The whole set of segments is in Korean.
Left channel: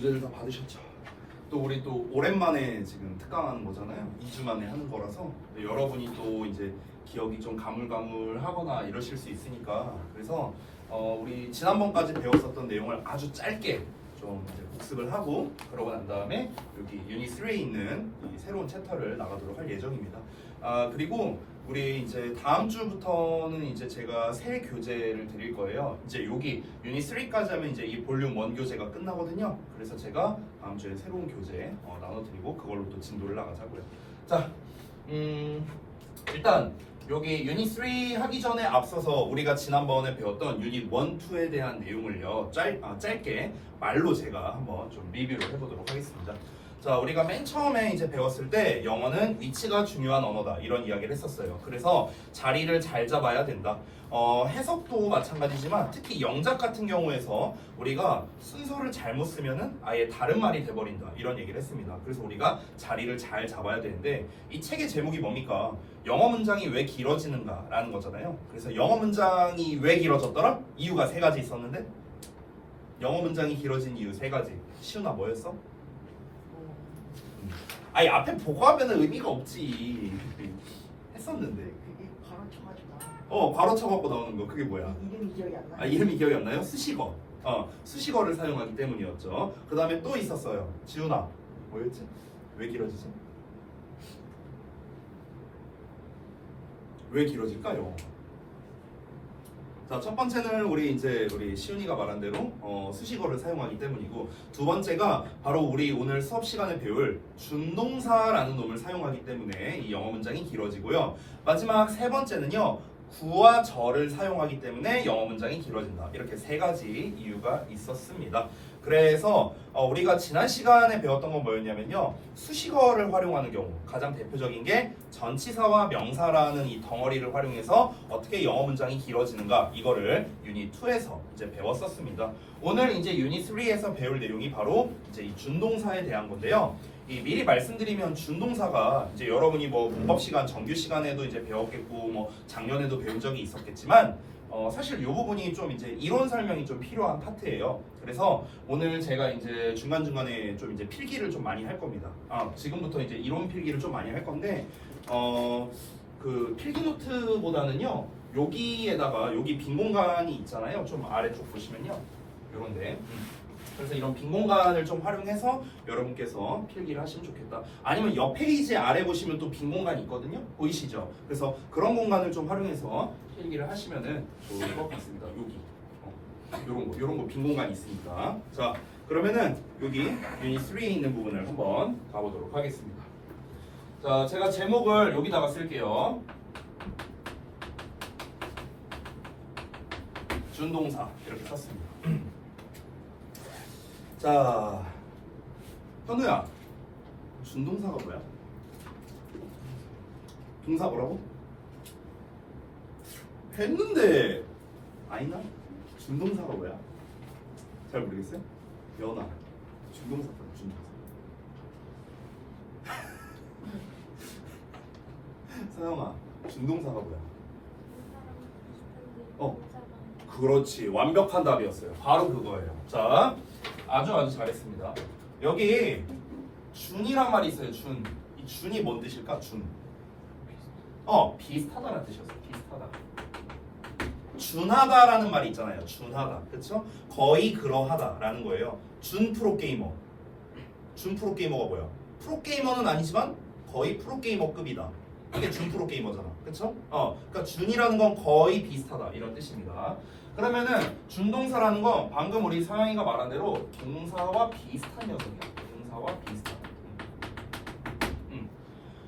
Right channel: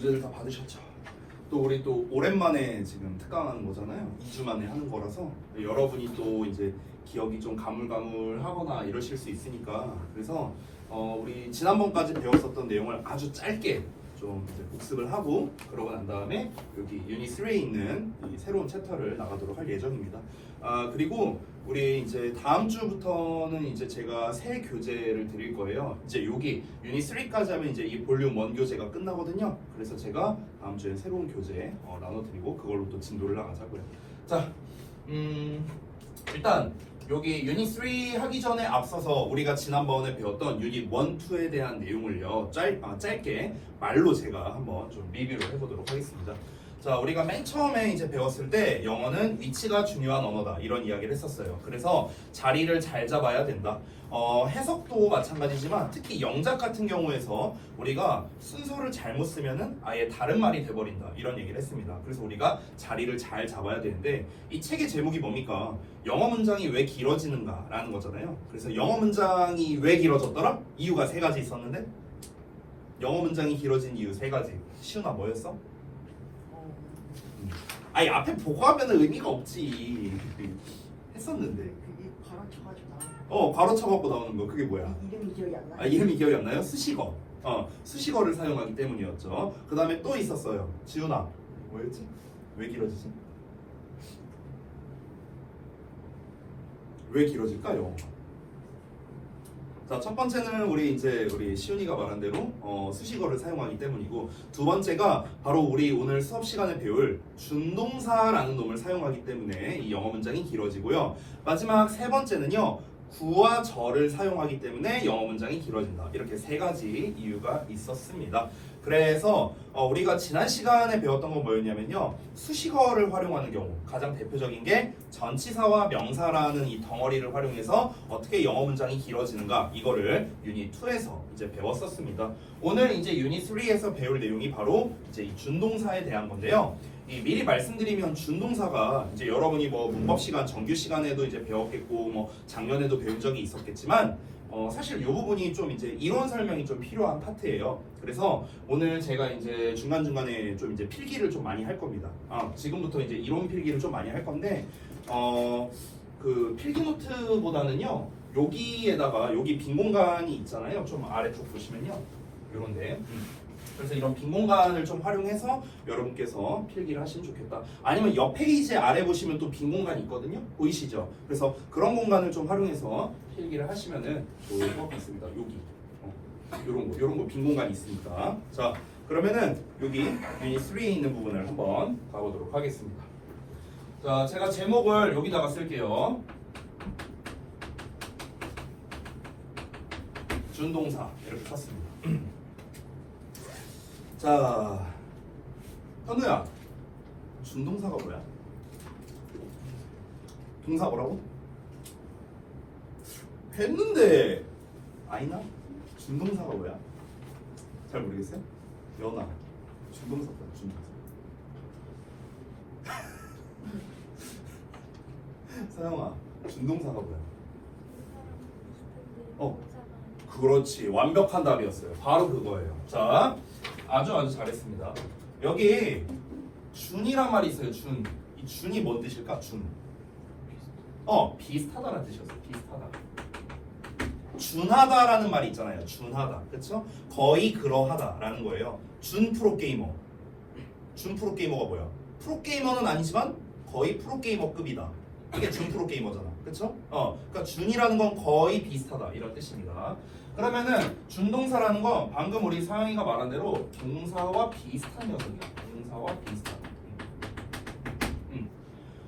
교재를 다 받으셨죠? 또 우리 또 오랜만에 지금 특강하는 거잖아요. 2주 만에 하는 거라서 여러분이 또 이제 기억이 좀 가물가물하거나 이러실 수 있으니까 그래서 우리 지난번까지 배웠었던 내용을 아주 짧게 좀 이제 복습을 하고 그러고 난 다음에 여기 유닛 3에 있는 이 새로운 챕터를 나가도록 할 예정입니다. 그리고 우리 이제 다음 주부터는 이제 제가 새 교재를 드릴 거예요. 이제 여기 유닛 3까지 하면 이제 이 볼륨 1 교재가 끝나거든요. 그래서 제가 다음 주에 새로운 교재 나눠드리고 그걸로 또 진도를 나가자고요. 자, 일단 여기 유닛 3 하기 전에 앞서서 우리가 지난번에 배웠던 유닛 1, 2에 대한 내용을요 짧게 말로 제가 한번 좀 리뷰를 해보도록 하겠습니다. 자, 우리가 맨 처음에 이제 배웠을 때 영어는 위치가 중요한 언어다 이런 이야기를 했었어요. 그래서 자리를 잘 잡아야 된다. 해석도 마찬가지지만 특히 영작 같은 경우에서 우리가 순서를 잘못 쓰면은 아예 다른 말이 돼버린다 이런 얘기를 했습니다. 그래서 우리가 자리를 잘 잡아야 되는데 이 책의 제목이 뭡니까? 영어 문장이 왜 길어지는가 라는 거잖아요. 그래서 영어 문장이 왜 길어졌더라? 이유가 3가지 있었는데 영어 문장이 길어진 이유 3가지. 시훈아 뭐였어? 아니 앞에 보고 하면은 의미가 없지. 했었는데. 그게 괄호쳐가지고 괄호쳐갖고 나오는 거 그게 뭐야? 이름이 기억이 안 나. 이름이 기억이 안 나요? 수식어. 수식어를 사용하기 때문이었죠. 그 다음에 또 있었어요. 지훈아 뭐였지? 왜 길어지지? 왜 길어질까요? 자, 첫 번째는 우리 시훈이가 말한 대로 수식어를 사용하기 때문이고, 두 번째가 바로 우리 오늘 수업 시간에 배울 준동사라는 놈을 사용하기 때문에 이 영어 문장이 길어지고요. 마지막 세 번째는요, 구와 절을 사용하기 때문에 영어 문장이 길어진다. 이렇게 3가지 이유가 있었습니다. 그래서 우리가 지난 시간에 배웠던 건 뭐였냐면요, 수식어를 활용하는 경우 가장 대표적인 게 전치사와 명사라는 이 덩어리를 활용해서 어떻게 영어 문장이 길어지는가, 이거를 유닛 2에서 이제 배웠었습니다. 오늘 이제 유닛 3에서 배울 내용이 바로 이제 이 준동사에 대한 건데요. 미리 말씀드리면 준동사가 이제 여러분이 뭐 문법 시간, 정규 시간에도 이제 배웠겠고 뭐 작년에도 배운 적이 있었겠지만 사실 이 부분이 좀 이제 이론 설명이 좀 필요한 파트예요. 그래서 오늘 제가 이제 중간중간에 좀 이제 필기를 좀 많이 할 겁니다. 지금부터 이제 이론 필기를 좀 많이 할 건데 그 필기 노트보다는요, 여기에다가 여기 빈 공간이 있잖아요. 좀 아래쪽 보시면요, 요런데. 그래서 이런 빈 공간을 좀 활용해서 여러분께서 필기를 하시면 좋겠다. 아니면 옆 페이지 아래 보시면 또 빈 공간이 있거든요. 보이시죠? 그래서 그런 공간을 좀 활용해서 필기를 하시면은 좋을 것 같습니다. 여기 요런 거 빈 공간이 있으니까. 자, 그러면은 여기 유닛 3에 있는 부분을 한번 가보도록 하겠습니다. 자, 제가 제목을 여기다가 쓸게요. 준동사 이렇게 쳤습니다. 자, 현우야, 준동사가 뭐야? 동사 뭐라고? 했는데 아니나? 준동사가 뭐야? 잘 모르겠어요? 연아, 준동사 뭐야? 준동사. 서영아, 준동사가 뭐야? 그렇지, 완벽한 답이었어요. 바로 그거예요. 자, 아주 잘했습니다. 여기 준이란 말이 있어요. 준. 이 준이 뭔 뜻일까? 준. 비슷하다라는 뜻이었어요. 비슷하다. 준하다라는 말이 있잖아요. 준하다. 그렇죠? 거의 그러하다라는 거예요. 준 프로게이머. 준 프로게이머가 뭐야? 프로게이머는 아니지만 거의 프로게이머급이다. 이게 준 프로게이머잖아. 그렇죠? 그러니까 준이라는 건 거의 비슷하다 이런 뜻입니다. 그러면은 준동사라는 건 방금 우리 상영이가 말한 대로 동사와 비슷한 녀석이야. 동사와 비슷하다.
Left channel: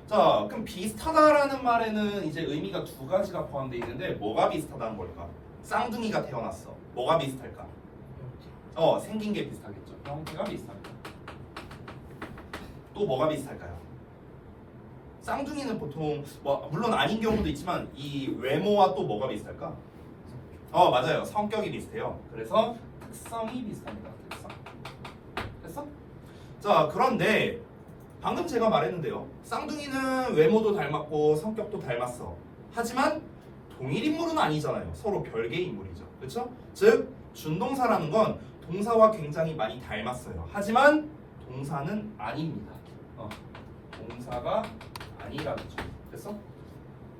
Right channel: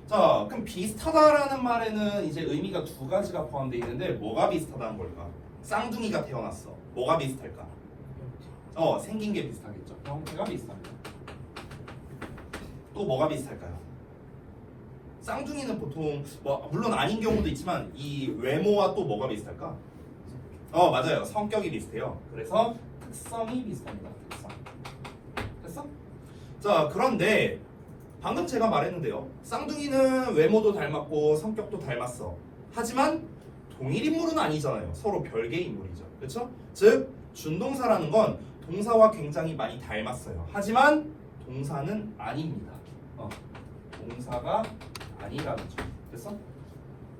자, 그럼 비슷하다라는 말에는 이제 의미가 2가지가 포함되어 있는데 뭐가 비슷하다는 걸까? 쌍둥이가 태어났어. 뭐가 비슷할까? 생긴 게 비슷하겠죠. 형태가 비슷합니다. 또 뭐가 비슷할까요? 쌍둥이는 보통 물론 아닌 경우도 있지만 이 외모와 또 뭐가 비슷할까? 맞아요. 성격이 비슷해요. 그래서 특성이 비슷합니다. 특성. 됐어? 자, 그런데 방금 제가 말했는데요. 쌍둥이는 외모도 닮았고 성격도 닮았어. 하지만 동일 인물은 아니잖아요. 서로 별개의 인물이죠. 그렇죠? 즉 준동사라는 건 동사와 굉장히 많이 닮았어요. 하지만 동사는 아닙니다. 동사가 아니라는 점. 됐어?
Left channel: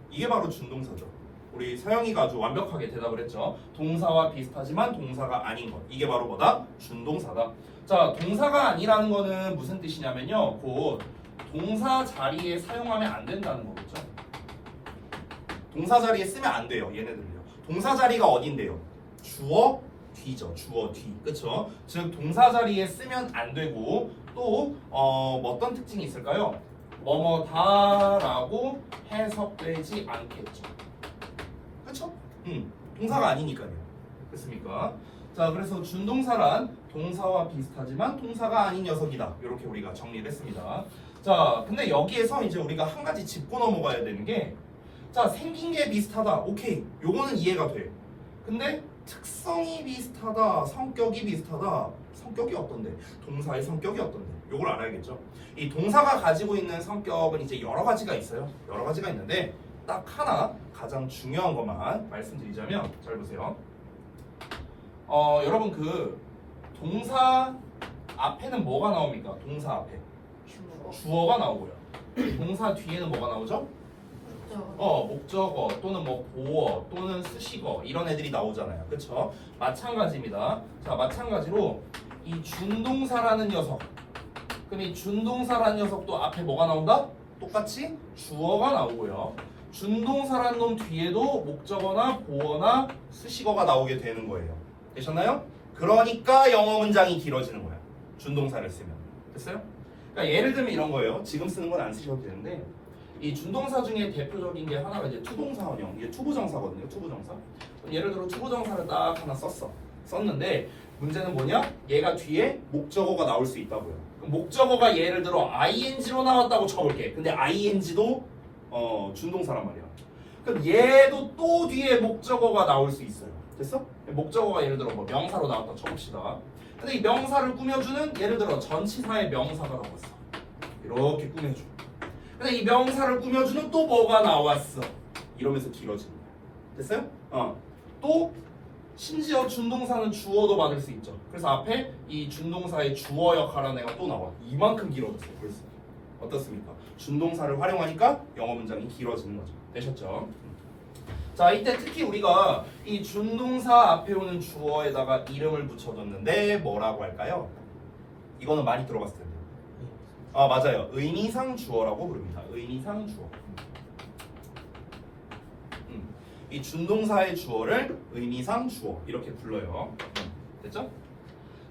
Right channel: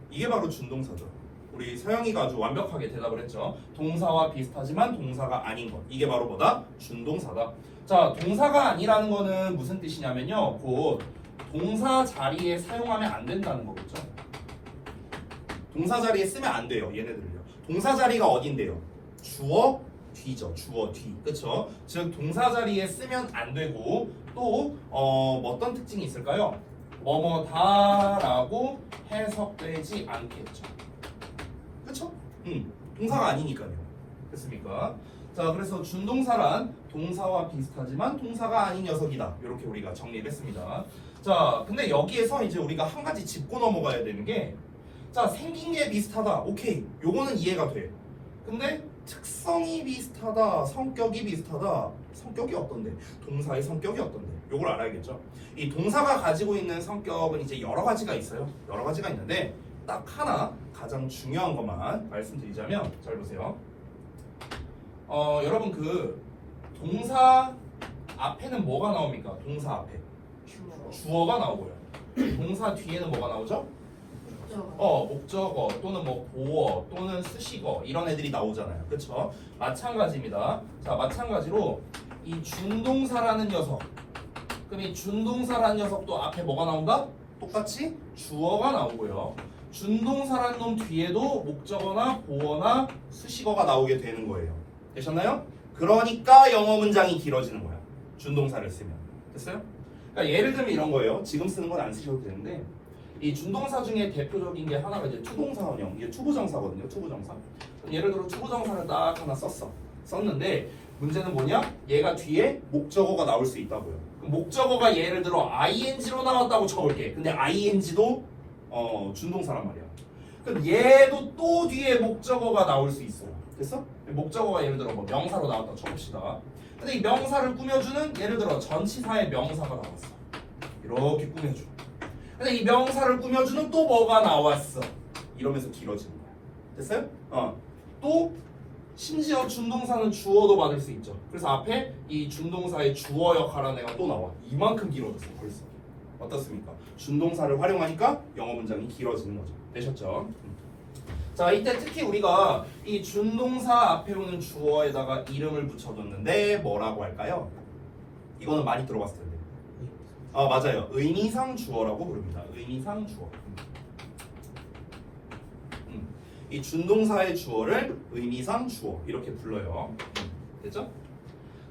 이게 바로 준동사죠. 우리 서영이가 아주 완벽하게 대답을 했죠. 동사와 비슷하지만 동사가 아닌 것. 이게 바로 뭐다? 준동사다. 자, 동사가 아니라는 거는 무슨 뜻이냐면요. 곧 동사 자리에 사용하면 안 된다는 거겠죠. 동사 자리에 쓰면 안 돼요. 얘네들을요. 동사 자리가 어딘데요? 주어 뒤죠. 주어 뒤. 그쵸? 즉 동사 자리에 쓰면 안 되고 또 어떤 특징이 있을까요? 뭐뭐다라고 해석되지 않겠죠. 그쵸? 동사가 아니니까요. 그렇습니까? 자, 그래서 준동사란 동사와 비슷하지만 동사가 아닌 녀석이다. 이렇게 우리가 정리를 했습니다. 자, 근데 여기에서 이제 우리가 한 가지 짚고 넘어가야 되는 게, 자, 생긴 게 비슷하다. 오케이. 요거는 이해가 돼. 근데 특성이 비슷하다. 성격이 비슷하다. 성격이 어떤데? 동사의 성격이 어떤데? 요걸 알아야겠죠. 이 동사가 가지고 있는 성격은 이제 여러 가지가 있어요. 여러 가지가 있는데 딱 하나 가장 중요한 것만 말씀드리자면, 잘 보세요. 여러분 그 동사 앞에는 뭐가 나옵니까? 동사 앞에 주어가 나오고요. 동사 뒤에는 뭐가 나오죠? 목적어 또는 뭐 보어 또는 수식어 이런 애들이 나오잖아요. 그쵸? 마찬가지입니다. 자, 마찬가지로 이 준동사라는 녀석, 그럼 이 준동사라는 녀석도 앞에 뭐가 나온다? 똑같이 주어가 나오고요. 준동사라는 놈 뒤에도 목적어나 보어나 수식어가 나오게 되는 거예요. 되셨나요? 그러니까 영어 문장이 길어지는 거야. 준동사를 쓰면. 됐어요? 그러니까 예를 들면 이런 거예요. 지금 쓰는 건 안 쓰셔도 되는데, 이 준동사 중에 대표적인 게 하나가 이제 투동사원형. 이게 투부정사거든요. 투부정사. 예를 들어 투부정사를 딱 하나 썼는데 문제는 뭐냐? 얘가 뒤에 목적어가 나올 수 있다고요. 그럼 목적어가 예를 들어 ing로 나왔다고 쳐볼게. 근데 ing도 준동사란 말이야. 그럼 얘도 또 뒤에 목적어가 나올 수 있어요. 됐어? 목적어가 예를 들어 뭐 명사로 나왔다 쳐봅시다. 근데 이 명사를 꾸며주는 예를 들어 전치사의 명사가 나왔어. 이렇게 꾸며줘. 근데 이 명사를 꾸며주는 또 뭐가 나왔어. 이러면서 길어지는 거야. 됐어요? 또 심지어 준동사는 주어도 받을 수 있죠. 그래서 앞에 이 준동사의 주어 역할하는 애가 또 나와. 이만큼 길어졌어 벌써. 어떻습니까? 준동사를 활용하니까 영어 문장이 길어지는 거죠. 되셨죠? 자, 이때 특히 우리가 이 준동사 앞에 오는 주어에다가 이름을 붙여줬는데 뭐라고 할까요? 이거는 많이 들어봤을 텐데요. 맞아요. 의미상 주어라고 부릅니다. 의미상 주어. 이 준동사의 주어를 의미상 주어 이렇게 불러요. 됐죠?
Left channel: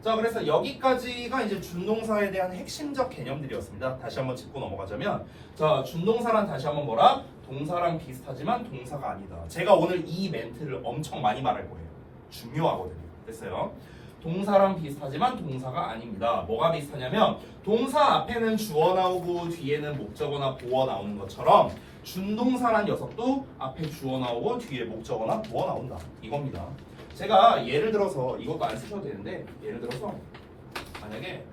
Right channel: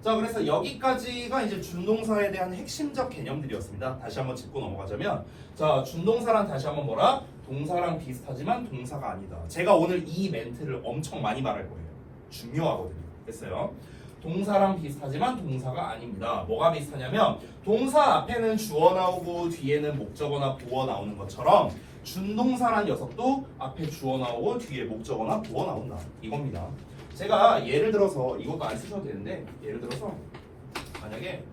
자, 그래서 여기까지가 이제 준동사에 대한 핵심적 개념들이었습니다. 다시 한번 짚고 넘어가자면, 자, 준동사란 다시 한번 뭐라? 동사랑 비슷하지만 동사가 아니다. 제가 오늘 이 멘트를 엄청 많이 말할 거예요. 중요하거든요. 됐어요? 동사랑 비슷하지만 동사가 아닙니다. 뭐가 비슷하냐면 동사 앞에는 주어 나오고 뒤에는 목적어나 보어 나오는 것처럼 준동사란 녀석도 앞에 주어 나오고 뒤에 목적어나 보어 나온다. 이겁니다. 제가 예를 들어서 이것도 안 쓰셔도 되는데, 예를 들어서 만약에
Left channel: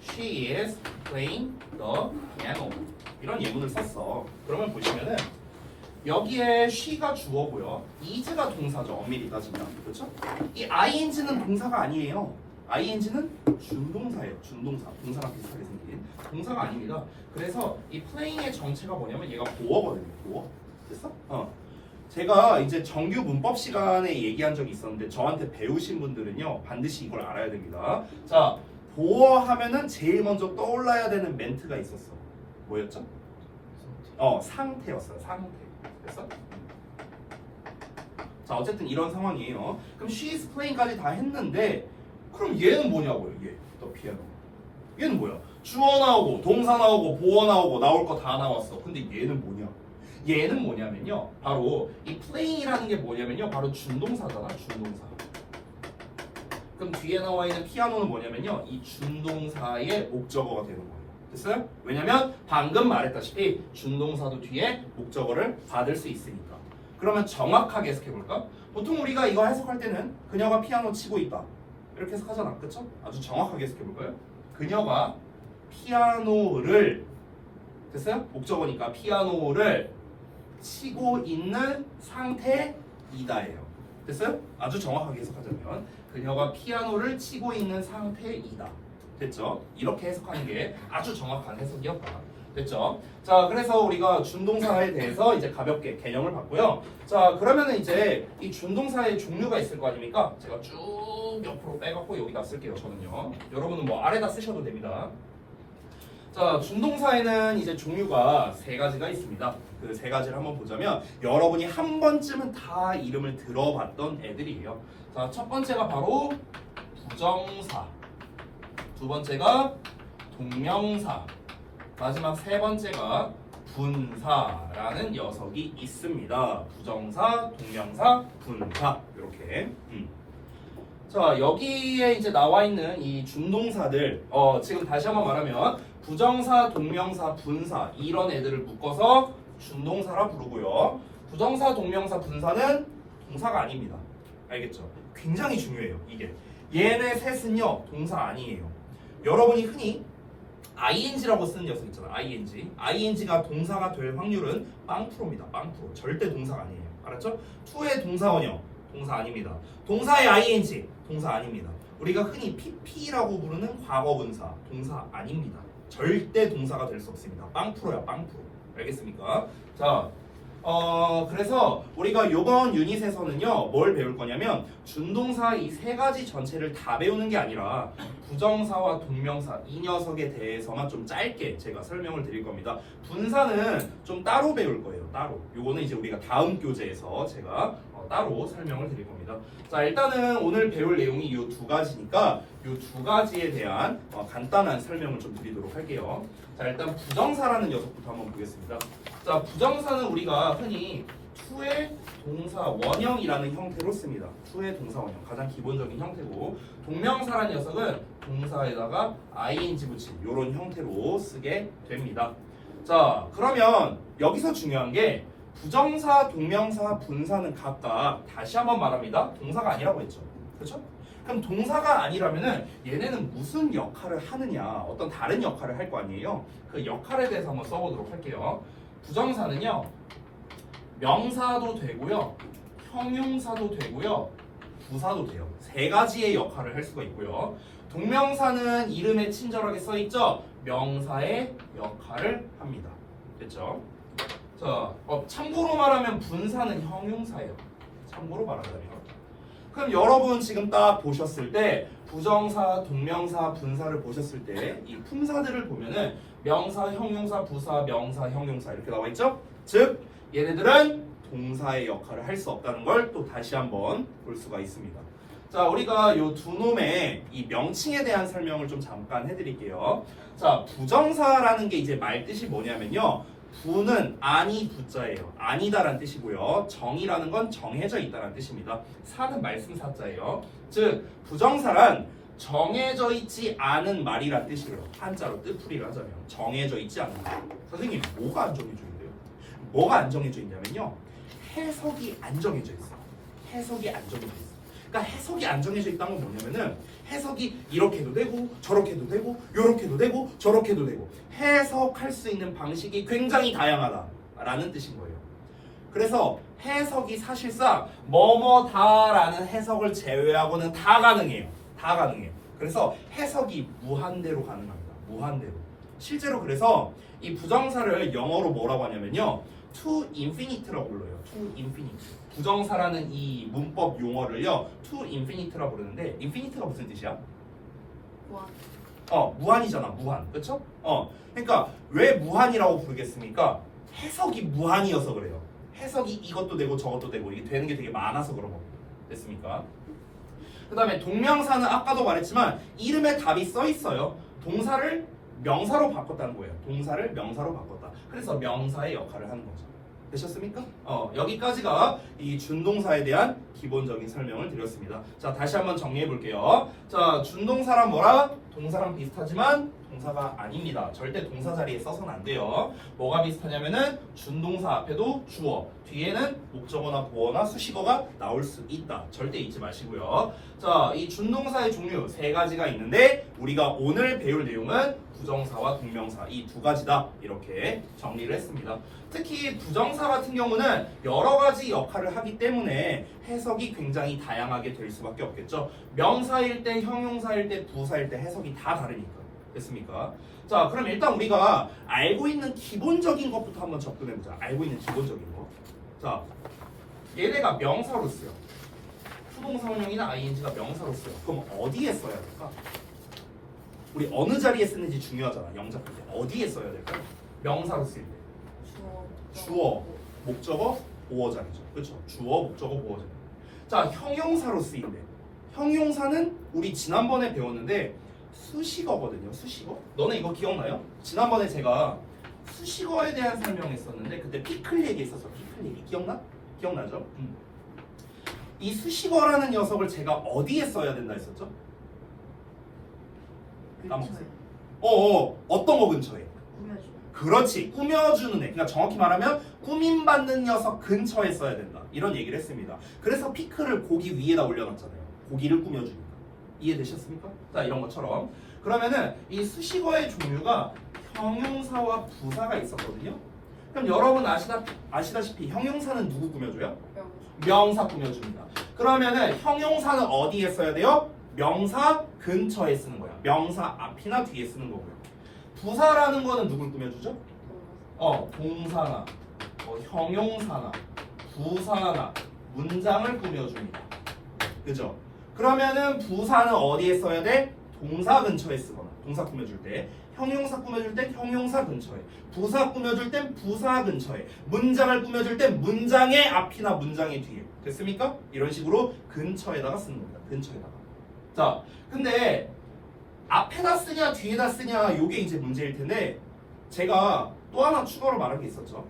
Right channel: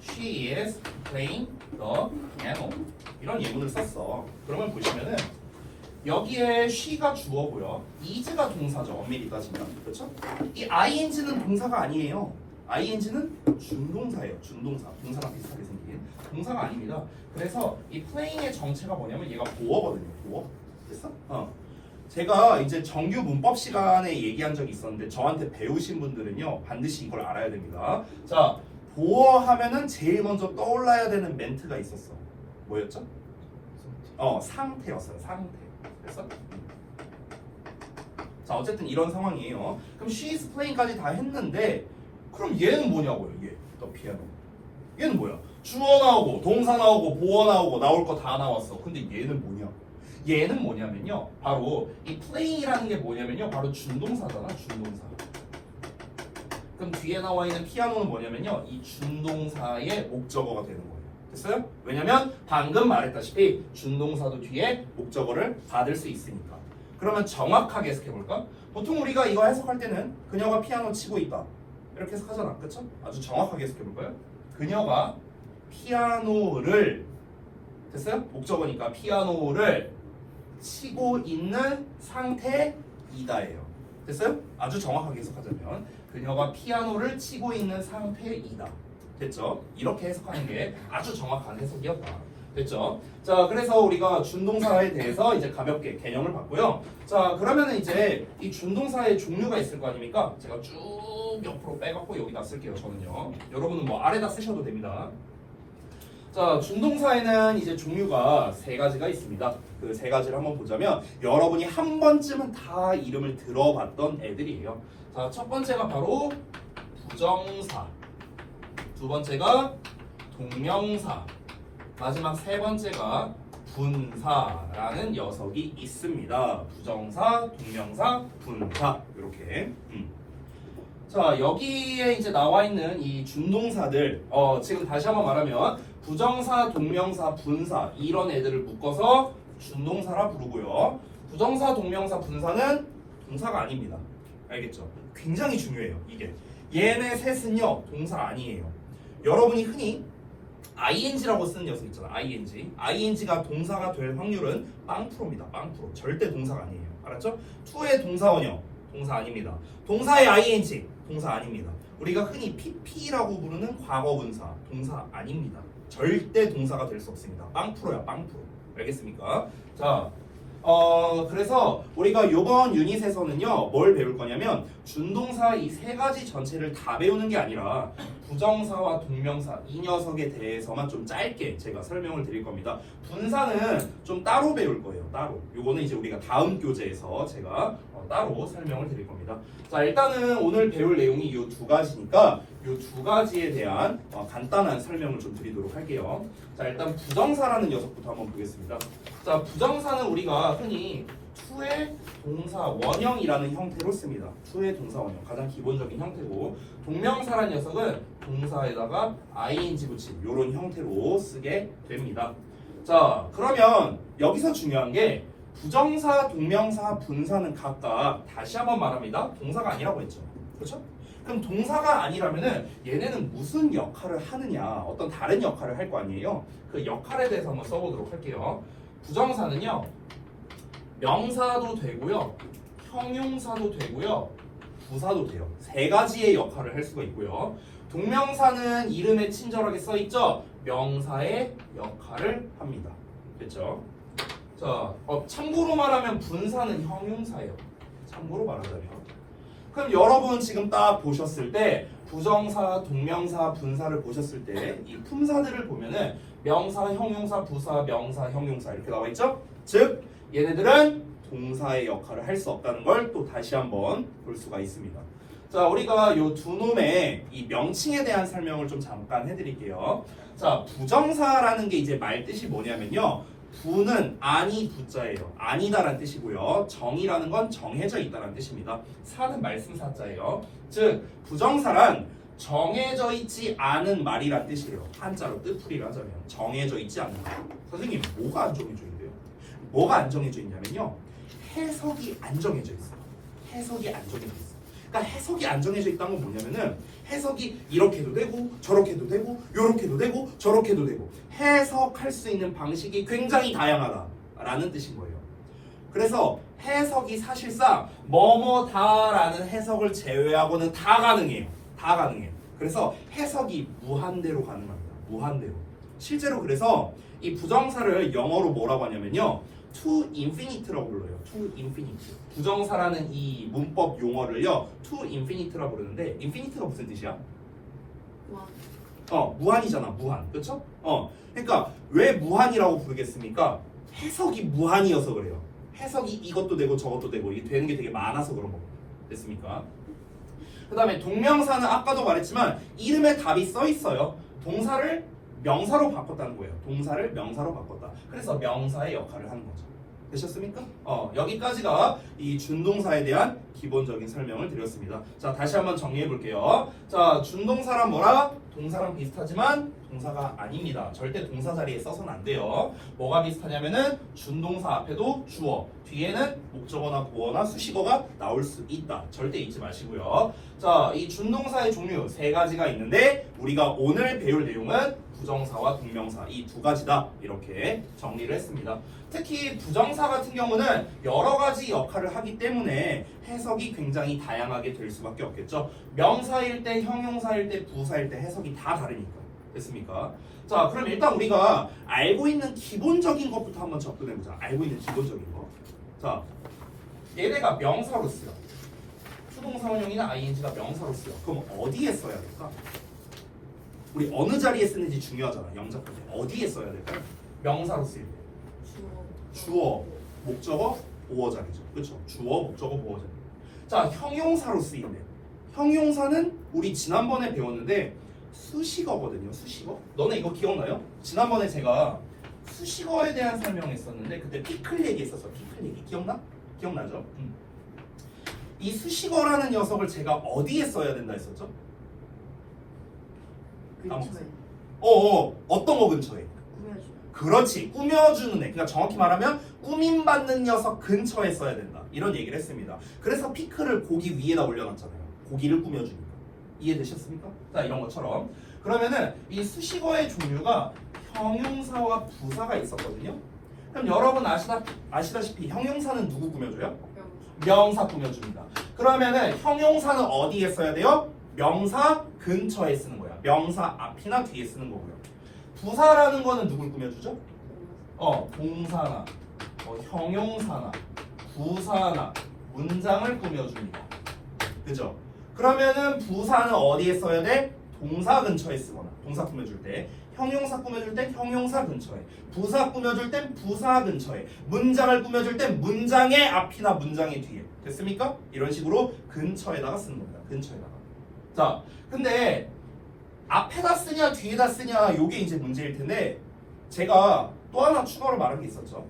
She is playing the piano 이런 예문을 썼어. 그러면 보시면은 여기에 she가 주어고요, is가 동사죠. 엄밀히 따지면. 그렇죠? 이 ing는 동사가 아니에요. ing는 준동사예요. 준동사. 동사랑 비슷하게 생긴 동사가 아닙니다. 그래서 이 playing의 정체가 뭐냐면 얘가 보어거든요. 보어. 됐어? 제가 이제 정규 문법 시간에 얘기한 적이 있었는데 저한테 배우신 분들은요 반드시 이걸 알아야 됩니다. 자, 보어 하면은 제일 먼저 떠올라야 되는 멘트가 있었어. 뭐였죠? 상태였어요. 상태. 그래서 자, 어쨌든 이런 상황이에요. 그럼 she is playing까지 다 했는데 그럼 얘는 뭐냐고요? 얘, 더 피아노. 얘는 뭐야? 주어 나오고 동사 나오고 보어 나오고 나올 거 다 나왔어. 근데 얘는 뭐냐? 얘는 뭐냐면요, 바로 이 play이라는 게 뭐냐면요, 바로 준동사잖아. 준동사. 그럼 뒤에 나와 있는 피아노는 뭐냐면요, 이 준동사의 목적어가 되는 거예요. 됐어요? 왜냐면 방금 말했다시피 준동사도 뒤에 목적어를 받을 수 있으니까. 그러면 정확하게 해석해볼까? 보통 우리가 이거 해석할 때는 그녀가 피아노 치고 있다 이렇게 해석하잖아. 그쵸? 아주 정확하게 해석해볼까요? 그녀가 피아노를, 됐어요? 목적어니까 피아노를 치고 있는 상태이다예요. 됐어요? 아주 정확하게 해석하자면 그녀가 피아노를 치고 있는 상태이다. 됐죠? 이렇게 해석하는 게 아주 정확한 해석이었다. 됐죠? 자, 그래서 우리가 준동사에 대해서 이제 가볍게 개념을 봤고요. 자, 그러면은 이제 이 준동사의 종류가 있을 거 아닙니까? 제가 쭉 옆으로 빼갖고 여기다 쓸게요. 저는요. 여러분은 뭐 아래다 쓰셔도 됩니다. 자, 준동사에는 이제 종류가 세 가지가 있습니다. 그 세 가지를 한번 보자면 여러분이 한 번쯤은 다 이름을 들어봤던 애들이에요. 자, 첫 번째가 바로 부정사, 두 번째가 동명사, 마지막 세 번째가 분사라는 녀석이 있습니다. 부정사, 동명사, 분사 이렇게. 자, 여기에 이제 나와 있는 이 준동사들, 지금 다시 한번 말하면 부정사, 동명사, 분사 이런 애들을 묶어서 준동사라 부르고요. 부정사, 동명사, 분사는 동사가 아닙니다. 알겠죠? 굉장히 중요해요. 이게 얘네 셋은요 동사 아니에요. 여러분이 흔히 ing라고 쓰는 녀석 있잖아. ing가 동사가 될 확률은 0%입니다. 0%. 절대 동사가 아니에요. 알았죠? to의 동사원형 동사 아닙니다. 동사의 ing 동사 아닙니다. 우리가 흔히 pp라고 부르는 과거분사 동사 아닙니다. 절대 동사가 될 수 없습니다. 0%야 0%. 알겠습니까? 자, 그래서 우리가 요번 유닛에서는요 뭘 배울 거냐면 준동사 이 세 가지 전체를 다 배우는 게 아니라 부정사와 동명사 이 녀석에 대해서만 좀 짧게 제가 설명을 드릴 겁니다. 분사는 좀 따로 배울 거예요. 따로. 요거는 이제 우리가 다음 교재에서 제가 따로 설명을 드릴 겁니다. 자, 일단은 오늘 배울 내용이 이 두 가지니까 이 두 가지에 대한 간단한 설명을 좀 드리도록 할게요. 자, 일단 부정사라는 녀석부터 한번 보겠습니다. 자, 부정사는 우리가 흔히 to의 동사 원형이라는 형태로 씁니다. to의 동사 원형 가장 기본적인 형태고, 동명사라는 녀석은 동사에다가 ing 붙인 이런 형태로 쓰게 됩니다. 자, 그러면 여기서 중요한 게 부정사, 동명사, 분사는 각각 다시 한번 말합니다. 동사가 아니라고 했죠. 그렇죠? 그럼 동사가 아니라면은 얘네는 무슨 역할을 하느냐, 어떤 다른 역할을 할 거 아니에요. 그 역할에 대해서 한번 써보도록 할게요. 부정사는요 명사도 되고요, 형용사도 되고요, 부사도 돼요. 세 가지의 역할을 할 수가 있고요. 동명사는 이름에 친절하게 써있죠. 명사의 역할을 합니다. 됐죠? 자, 참고로 말하면 분사는 형용사예요. 참고로 말하자면. 그럼 여러분 지금 딱 보셨을 때 부정사, 동명사, 분사를 보셨을 때 이 품사들을 보면은 명사, 형용사, 부사, 명사, 형용사 이렇게 나와 있죠? 즉 얘네들은 동사의 역할을 할 수 없다는 걸 또 다시 한번 볼 수가 있습니다. 자, 우리가 요 두 놈의 이 명칭에 대한 설명을 좀 잠깐 해드릴게요. 자, 부정사라는 게 이제 말 뜻이 뭐냐면요. 부는 아니 부자예요. 아니다라는 뜻이고요. 정이라는 건 정해져 있다라는 뜻입니다. 사는 말씀 사자예요. 즉 부정사란 정해져 있지 않은 말이란 뜻이에요. 한자로 뜻풀이를 하자면 정해져 있지 않은 말. 선생님 뭐가 안 정해져 있는데요? 뭐가 안 정해져 있냐면요. 해석이 안 정해져 있어요. 해석이 안 정해져 있어요. 그러니까 해석이 안 정해져 있다는 건 뭐냐면은 해석이 이렇게 해도 되고 저렇게 해도 되고 요렇게 해도 되고 저렇게 해도 되고 해석할 수 있는 방식이 굉장히 다양하다라는 뜻인 거예요. 그래서 해석이 사실상 뭐뭐다라는 해석을 제외하고는 다 가능해요. 다 가능해요. 그래서 해석이 무한대로 가능합니다. 무한대로. 실제로 그래서 이 부정사를 영어로 뭐라고 하냐면요. to infinite라고 불러요. to infinite. 부정사라는 이 문법 용어를요. to infinite라고 부르는데 infinite가 무슨 뜻이야? 무한이잖아. 무한. 그렇죠? 그러니까 왜 무한이라고 부르겠습니까? 해석이 무한이어서 그래요. 해석이 이것도 되고 저것도 되고 이게 되는 게 되게 많아서 그런 거고. 됐습니까? 그 다음에 동명사는 아까도 말했지만 이름에 답이 써 있어요. 동사를 명사로 바꿨다는 거예요. 동사를 명사로 바꿨다. 그래서 명사의 역할을 하는 거죠. 되셨습니까? 여기까지가 이 준동사에 대한 기본적인 설명을 드렸습니다. 자, 다시 한번 정리해 볼게요. 자, 준동사란 뭐라? 동사랑 비슷하지만 동사가 아닙니다. 절대 동사 자리에 써서는 안 돼요. 뭐가 비슷하냐면은 준동사 앞에도 주어, 뒤에는 목적어나 보어나 수식어가 나올 수 있다. 절대 잊지 마시고요. 자, 이 준동사의 종류 세 가지가 있는데 우리가 오늘 배울 내용은 부정사와 동명사 이 두 가지다 이렇게 정리를 했습니다. 특히 부정사 같은 경우는 여러 가지 역할을 하기 때문에 해석이 굉장히 다양하게 될 수밖에 없겠죠. 명사일 때, 형용사일 때, 부사일 때 해석이 다 다르니까. 됐습니까? 자, 그럼 일단 우리가 알고 있는 기본적인 것부터 한번 접근해보자. 알고 있는 기본적인 거. 자, 얘네가 명사로 쓰여. 수동사 원형이나 ing가 명사로 쓰여. 그럼 어디에 써야 될까? 우리 어느 자리에 쓰는지 중요하잖아. 영작할 때 어디에 써야 될까요? 명사로 쓸 때. 주어, 목적어, 보어 자리죠. 그렇죠? 주어, 목적어, 보어 자리. 자, 형용사로 쓰인대. 형용사는 우리 지난번에 배웠는데 수식어거든요. 수식어. 너네 이거 기억나요? 지난번에 제가 수식어에 대한 설명했었는데 그때 피클 얘기했었어. 피클 얘기 기억나? 기억나죠? 이 수식어라는 녀석을 제가 어디에 써야 된다 했었죠? 근처에 어떤 거 근처에? 꾸며주는. 그렇지, 꾸며주는 애. 그러니까 정확히 말하면 꾸밈받는 녀석 근처에 써야 된다 이런 얘기를 했습니다. 그래서 피클을 고기 위에다 올려놨잖아요. 고기를 꾸며주니까. 이해되셨습니까? 자, 이런 것처럼 그러면은 이 수식어의 종류가 형용사와 부사가 있었거든요. 그럼 여러분 아시다시피 형용사는 누구 꾸며줘요? 명사 꾸며줍니다. 그러면은 형용사는 어디에 써야 돼요? 명사 근처에 쓰는 거야. 명사 앞이나 뒤에 쓰는 거고요. 부사라는 거는 누굴 꾸며주죠? 동사나 형용사나 부사나 문장을 꾸며줍니다. 그죠? 그러면은 부사는 어디에 써야 돼? 동사 근처에 쓰거나 동사 꾸며줄 때, 형용사 꾸며줄 땐 형용사 근처에, 부사 꾸며줄 땐 부사 근처에, 문장을 꾸며줄 땐 문장의 앞이나 문장의 뒤에. 됐습니까? 이런 식으로 근처에다가 쓰는 겁니다. 근처에다가. 자, 근데 앞에다 쓰냐 뒤에다 쓰냐 요게 이제 문제일 텐데 제가 또 하나 추가로 말한 게 있었죠.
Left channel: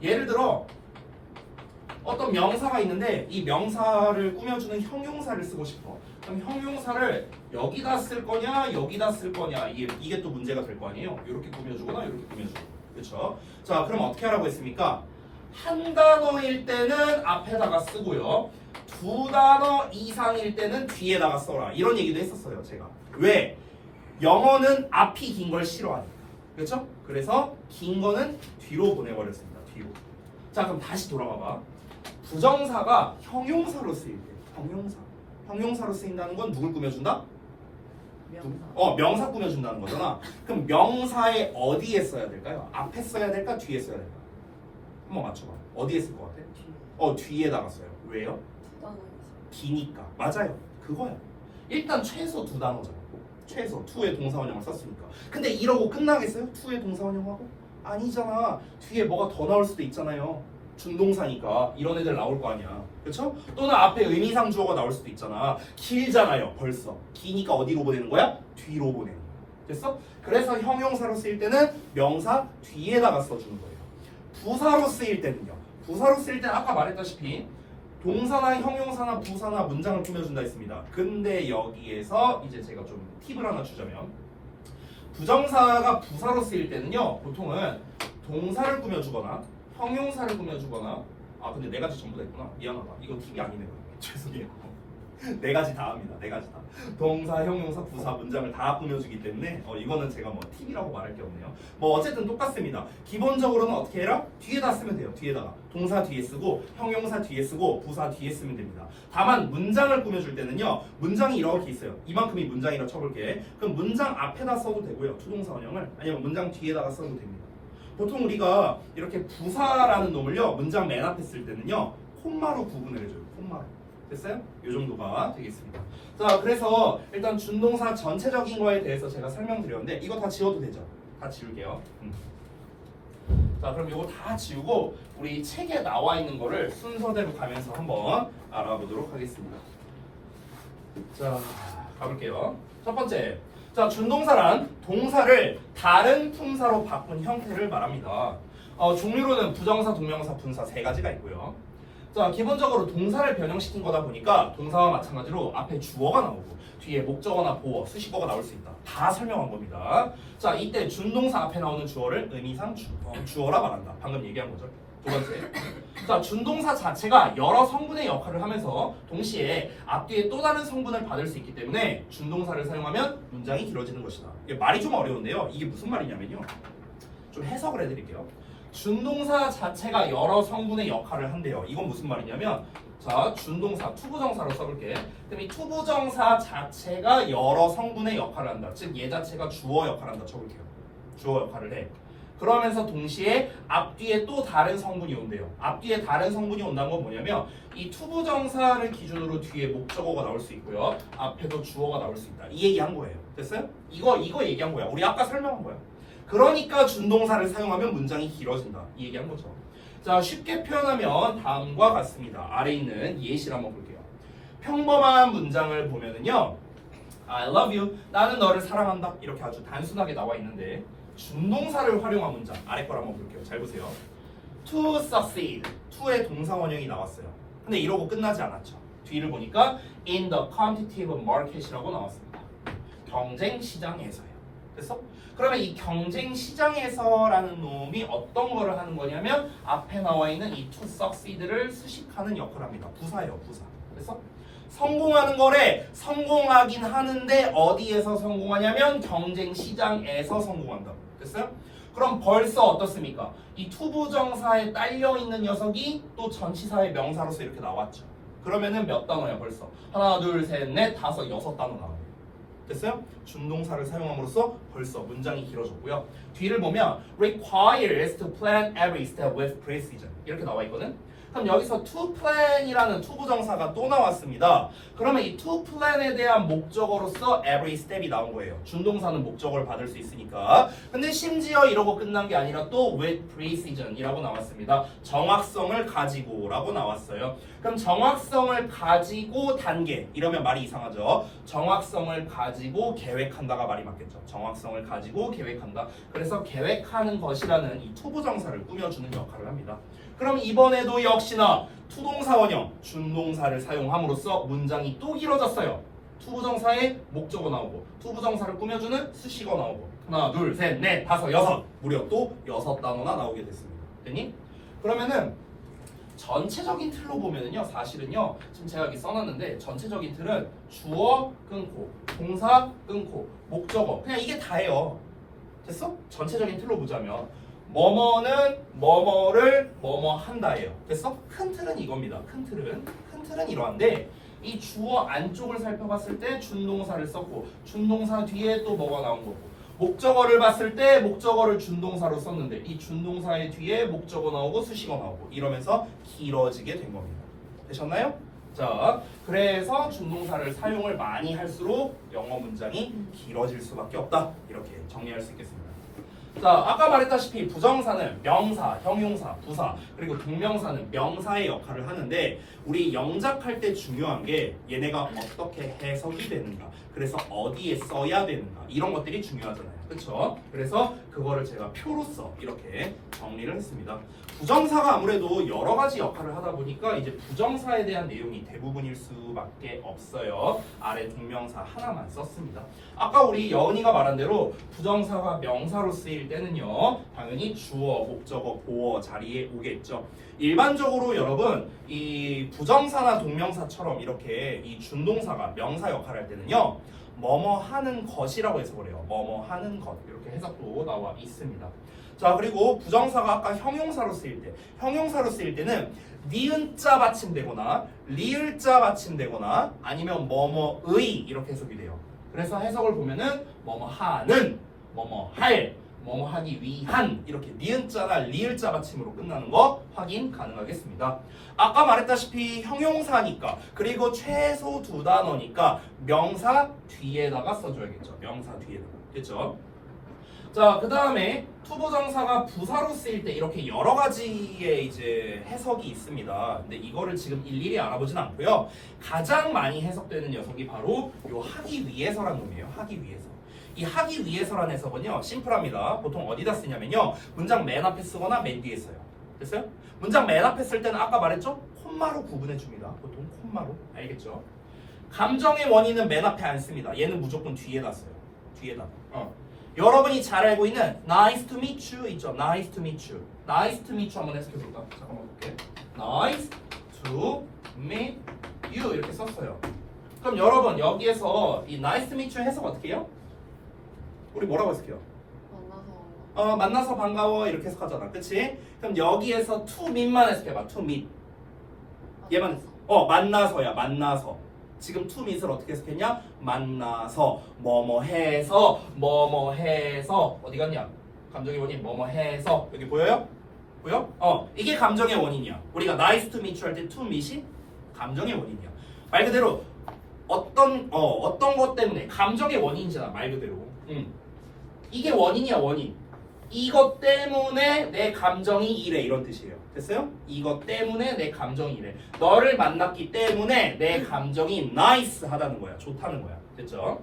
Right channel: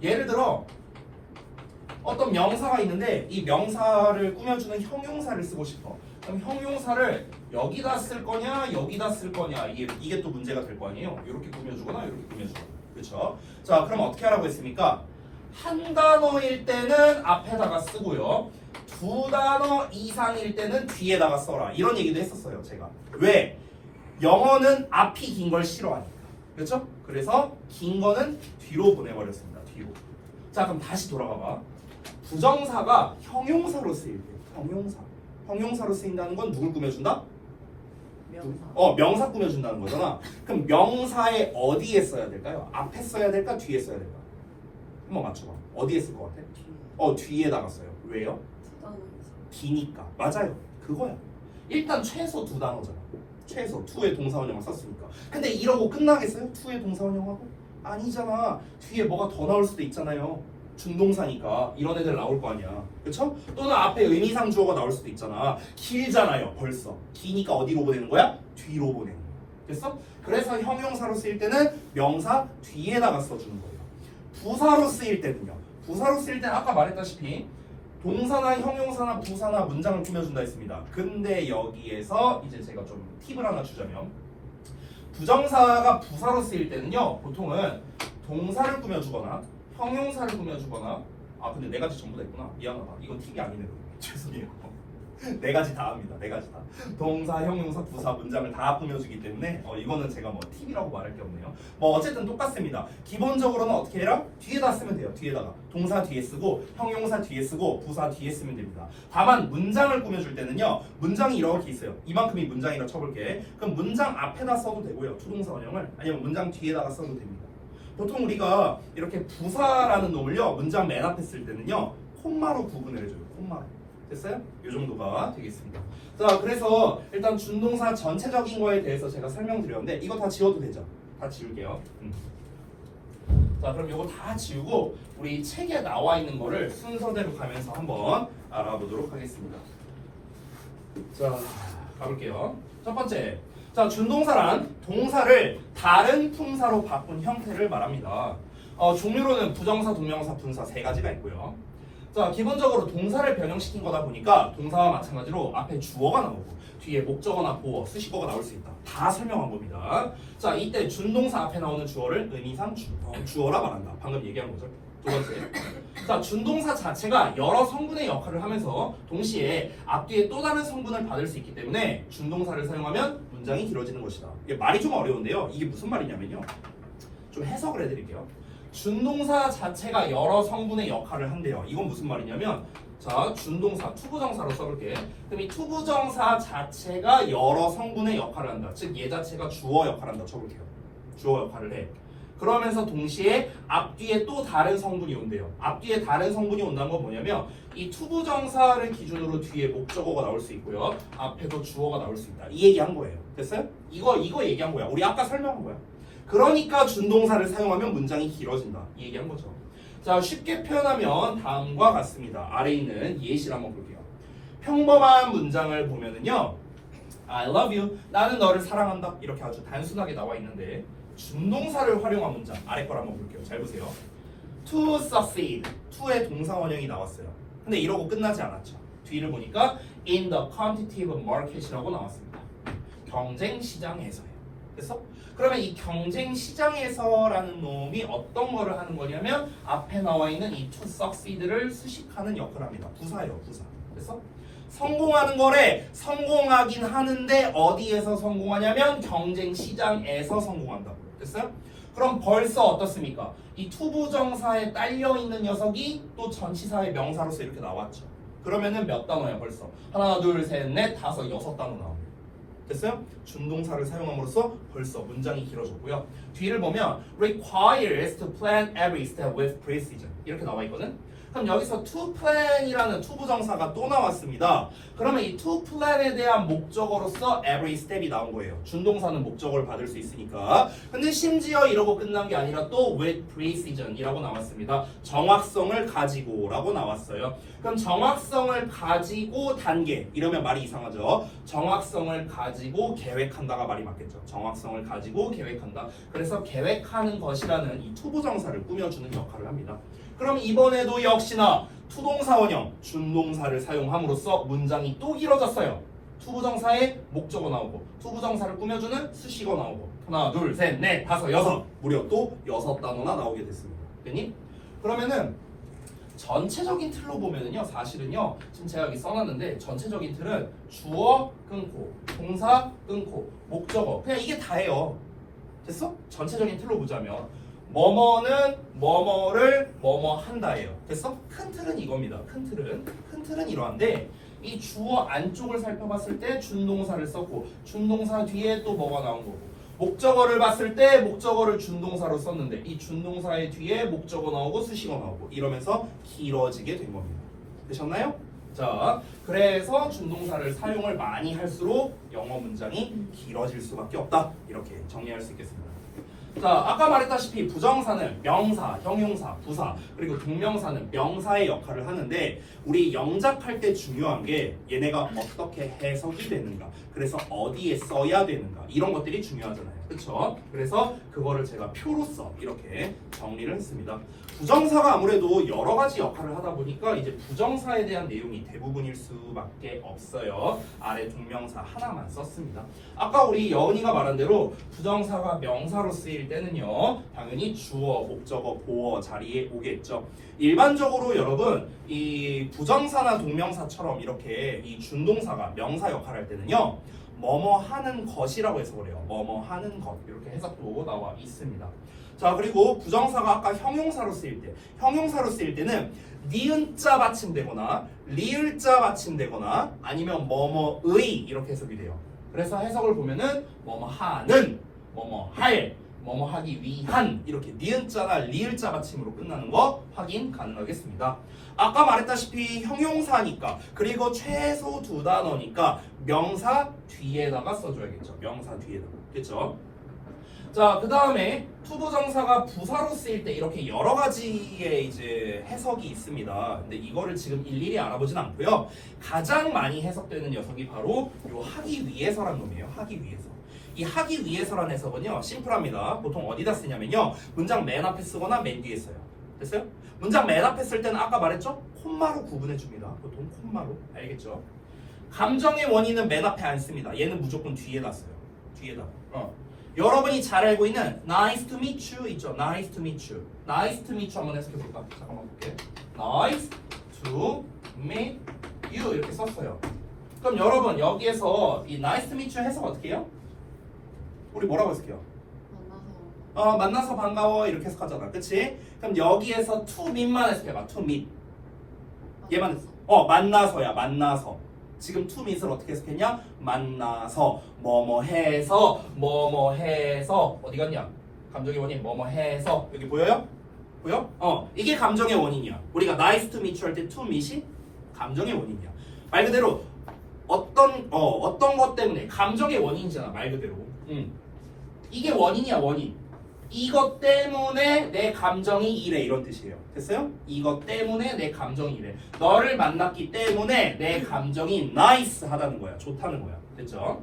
예를 들어 어떤 명사가 있는데 이 명사를 꾸며주는 형용사를 쓰고 싶어. 그럼 형용사를 여기다 쓸 거냐 여기다 쓸 거냐 이게 또 문제가 될 거 아니에요. 이렇게 꾸며주거나 이렇게 꾸며주거나. 그렇죠? 자, 그럼 어떻게 하라고 했습니까? 한 단어일 때는 앞에다가 쓰고요. 두 단어 이상일 때는 뒤에다가 써라. 이런 얘기도 했었어요, 제가. 왜? 영어는 앞이 긴 걸 싫어하니까. 그렇죠? 그래서 긴 거는 뒤로 보내버렸습니다. 뒤로. 자, 그럼 다시 돌아봐봐. 부정사가 형용사로 쓰일 때, 형용사로 쓰인다는 건 누굴 꾸며준다? 명사 꾸며준다는 거잖아. 그럼 명사에 어디에 써야 될까요? 앞에 써야 될까? 뒤에 써야 될까? 한번 맞춰봐. 어디에 쓸 것 같아? 뒤에다가 써요. 왜요? 기니까. 맞아요. 그거야. 일단 최소 두 단어잖아. 최소 투의 동사원형을 썼으니까. 근데 이러고 끝나겠어요? 투의 동사원형하고? 아니잖아. 뒤에 뭐가 더 나올 수도 있잖아요. 준동사니까 이런 애들 나올 거 아니야. 그렇죠? 또는 앞에 의미상 주어가 나올 수도 있잖아. 길잖아요. 벌써. 기니까 어디로 보내는 거야? 뒤로 보내는 거야. 됐어? 그래서 형용사로 쓰일 때는 명사 뒤에다가 써주는 거예요. 부사로 쓰일 때는요. 부사로 쓰일 때는 아까 말했다시피 동사나 형용사나 부사나 문장을 꾸며준다 했습니다. 근데 여기에서 이제 제가 좀 팁을 하나 주자면 부정사가 부사로 쓰일 때는요. 보통은 동사를 꾸며주거나 형용사를 꾸며주거나 근데 네 가지 전부 다 있구나. 미안하다. 이거 팁이 아니네요. 죄송해요. 네 가지 다 합니다. 네 가지 다. 동사, 형용사, 부사, 문장을 다 꾸며주기 때문에 이거는 제가 뭐 팁이라고 말할 게 없네요. 뭐 어쨌든 똑같습니다. 기본적으로는 어떻게 해라? 뒤에다 쓰면 돼요. 뒤에다가. 동사 뒤에 쓰고 형용사 뒤에 쓰고 부사 뒤에 쓰면 됩니다. 다만 문장을 꾸며줄 때는요. 문장이 이렇게 있어요. 이만큼이 문장이라고 쳐볼게. 그럼 문장 앞에다 써도 되고요. 투동사 원형을. 아니면 문장 뒤에다가 써도 됩니다. 보통 우리가 이렇게 부사라는 놈을요. 문장 맨 앞에 쓸 때는요. 콤마로 구분을 해줘요. 콤마로. 됐어요? 이 정도가 되겠습니다. 자, 그래서 일단 준동사 전체적인 거에 대해서 제가 설명드렸는데 이거 다 지워도 되죠? 다 지울게요. 자, 그럼 이거 다 지우고 우리 책에 나와 있는 거를 순서대로 가면서 한번 알아보도록 하겠습니다. 자, 가볼게요. 첫 번째. 자, 준동사란 동사를 다른 품사로 바꾼 형태를 말합니다. 종류로는 부정사, 동명사, 분사 세 가지가 있고요. 자, 기본적으로 동사를 변형시킨 거다 보니까 동사와 마찬가지로 앞에 주어가 나오고 뒤에 목적어나 보어, 수식어가 나올 수 있다. 다 설명한 겁니다. 자, 이때 준동사 앞에 나오는 주어를 의미상 주어라 말한다. 방금 얘기한 거죠. 두 번째. 자, 준동사 자체가 여러 성분의 역할을 하면서 동시에 앞뒤에 또 다른 성분을 받을 수 있기 때문에 준동사를 사용하면 문장이 길어지는 것이다. 이게 말이 좀 어려운데요. 이게 무슨 말이냐면요. 좀 해석을 해드릴게요. 준동사 자체가 여러 성분의 역할을 한대요. 이건 무슨 말이냐면 자, 준동사, 투부정사로 써볼게. 그럼 이 투부정사 자체가 여러 성분의 역할을 한다. 즉, 얘 자체가 주어 역할을 한다. 쳐볼게요. 주어 역할을 해. 그러면서 동시에 앞뒤에 또 다른 성분이 온대요. 앞뒤에 다른 성분이 온다는 건 뭐냐면 이 투부정사를 기준으로 뒤에 목적어가 나올 수 있고요. 앞에도 주어가 나올 수 있다. 이 얘기한 거예요. 됐어요? 이거 얘기한 거야. 우리 아까 설명한 거야. 그러니까 준동사를 사용하면 문장이 길어진다. 이 얘기한 거죠. 자, 쉽게 표현하면 다음과 같습니다. 아래에 있는 예시를 한번 볼게요. 평범한 문장을 보면은요. I love you. 나는 너를 사랑한다. 이렇게 아주 단순하게 나와 있는데 준동사를 활용한 문장. 아래 걸 한번 볼게요. 잘 보세요. To succeed. to의 동사 원형이 나왔어요. 근데 이러고 끝나지 않았죠. 뒤를 보니까 in the competitive market이라고 나왔습니다. 경쟁 시장에서요. 됐어? 그러면 이 경쟁 시장에서라는 놈이 어떤 거를 하는 거냐면 앞에 나와 있는 이 to succeed를 수식하는 역할을 합니다. 부사예요, 부사. 됐어? 성공하는 거래. 성공하긴 하는데 어디에서 성공하냐면 경쟁 시장에서 성공한다고. 됐어요? 그럼 벌써 어떻습니까? 이 투부정사에 딸려 있는 녀석이 또 전치사의 명사로서 이렇게 나왔죠. 그러면은 몇 단어야 벌써? 하나, 둘, 셋, 넷, 다섯, 여섯 단어 나와요. 됐어요? 준동사를 사용함으로써 벌써 문장이 길어졌고요. 뒤를 보면 requires to plan every step with precision 이렇게 나와 있거든. 그럼 여기서 to plan이라는 투부정사가 또 나왔습니다. 그러면 이 to plan에 대한 목적어로서 every step이 나온 거예요. 준동사는 목적어를 받을 수 있으니까. 근데 심지어 이러고 끝난 게 아니라 또 with precision이라고 나왔습니다. 정확성을 가지고라고 나왔어요. 그럼 정확성을 가지고 단계 이러면 말이 이상하죠. 정확성을 가지고 계획한다가 말이 맞겠죠. 정확성을 가지고 계획한다. 그래서 계획하는 것이라는 이 투부정사를 꾸며주는 역할을 합니다. 그럼 이번에도 역시나 투동사 원형, 준동사를 사용함으로써 문장이 또 길어졌어요. 투부정사에 목적어 나오고 투부정사를 꾸며주는 수식어 나오고 하나, 둘, 셋, 넷, 다섯, 여섯 무려 또 6단어나 나오게 됐습니다. 됐니? 그러면은 전체적인 틀로 보면은요 사실은요 지금 제가 여기 써놨는데 전체적인 틀은 주어 끊고 동사 끊고 목적어 그냥 이게 다예요. 됐어? 전체적인 틀로 보자면 뭐뭐는 뭐뭐를 뭐뭐 한다예요. 됐어? 큰 틀은 이겁니다. 큰 틀은 이러한데 이 주어 안쪽을 살펴봤을 때 준동사를 썼고 준동사 뒤에 또 뭐가 나온 거고 목적어를 봤을 때 목적어를 준동사로 썼는데 이 준동사의 뒤에 목적어 나오고 수식어 나오고 이러면서 길어지게 된 겁니다. 되셨나요? 자, 그래서 준동사를 사용을 많이 할수록 영어 문장이 길어질 수밖에 없다. 이렇게 정리할 수 있겠습니다. 자, 아까 말했다시피 부정사는 명사, 형용사, 부사 그리고 동명사는 명사의 역할을 하는데 우리 영작할 때 중요한 게 얘네가 어떻게 해석이 되는가 그래서 어디에 써야 되는가 이런 것들이 중요하잖아요. 그렇죠? 그래서 그거를 제가 표로써 이렇게 정리를 했습니다. 부정사가 아무래도 여러 가지 역할을 하다 보니까 이제 부정사에 대한 내용이 대부분일 수밖에 없어요. 아래 동명사 하나만 썼습니다. 아까 우리 여은이가 말한 대로 부정사가 명사로 쓰일 때는요 당연히 주어, 목적어, 보어 자리에 오겠죠. 일반적으로 여러분 이 부정사나 동명사처럼 이렇게 이 준동사가 명사 역할을 할 때는요 뭐뭐 하는 것이라고 해석을 해요. 뭐뭐 하는 것 이렇게 해석도 나와 있습니다. 자, 그리고 부정사가 아까 형용사로 쓰일 때는 니은자 받침되거나 리을자 받침되거나 아니면 뭐뭐의 이렇게 해석이 돼요. 그래서 해석을 보면은 뭐뭐 하는, 뭐뭐 할, 뭐뭐 하기 위한 이렇게 니은자나 리을자 받침으로 끝나는 거 확인 가능하겠습니다. 아까 말했다시피 형용사니까 그리고 최소 2단어니까 명사 뒤에다가 써줘야겠죠. 명사 뒤에다가. 그렇죠? 자, 그 다음에 투부정사가 부사로 쓰일 때 이렇게 여러 가지의 이제 해석이 있습니다. 근데 이거를 지금 일일이 알아보진 않고요. 가장 많이 해석되는 녀석이 바로 요 하기 위해서라는 놈이에요. 하기 위해서. 이 하기 위해서라는 해석은요 심플합니다. 보통 어디다 쓰냐면요 문장 맨 앞에 쓰거나 맨 뒤에 써요. 됐어요? 문장 맨 앞에 쓸 때는 아까 말했죠? 콤마로 구분해 줍니다. 보통 콤마로. 알겠죠? 감정의 원인은 맨 앞에 안 씁니다. 얘는 무조건 뒤에다 써요. 뒤에다. 여러분이 잘 알고 있는 nice to meet you 있죠? nice to meet you. nice to meet you 한번 해석해 볼까? 잠깐만 볼게. nice to meet you 이렇게 썼어요. 그럼 여러분 여기에서 이 nice to meet you 해석 어떻게 해요? 우리 뭐라고 해석해요? 만나서 반가워 이렇게 해석하잖아, 그치? 그럼 여기에서 to meet만 해석해봐. to meet 얘만 만나서야 만나서. 지금 to meet을 어떻게 해석했냐? 만나서 뭐뭐 해서 어디 갔냐? 감정의 원인 뭐뭐 해서 여기 보여요? 보여? 이게 감정의 원인이야. 우리가 nice to meet you 할 때 to meet이 감정의 원인이야. 말 그대로 어떤 것 때문에 감정의 원인이잖아, 말 그대로. 이게 원인이야, 원인. 이것 때문에 내 감정이 이래 이런 뜻이에요. 됐어요? 이것 때문에 내 감정이 이래. 너를 만났기 때문에 내 감정이 nice 하다는 거야. 좋다는 거야. 됐죠?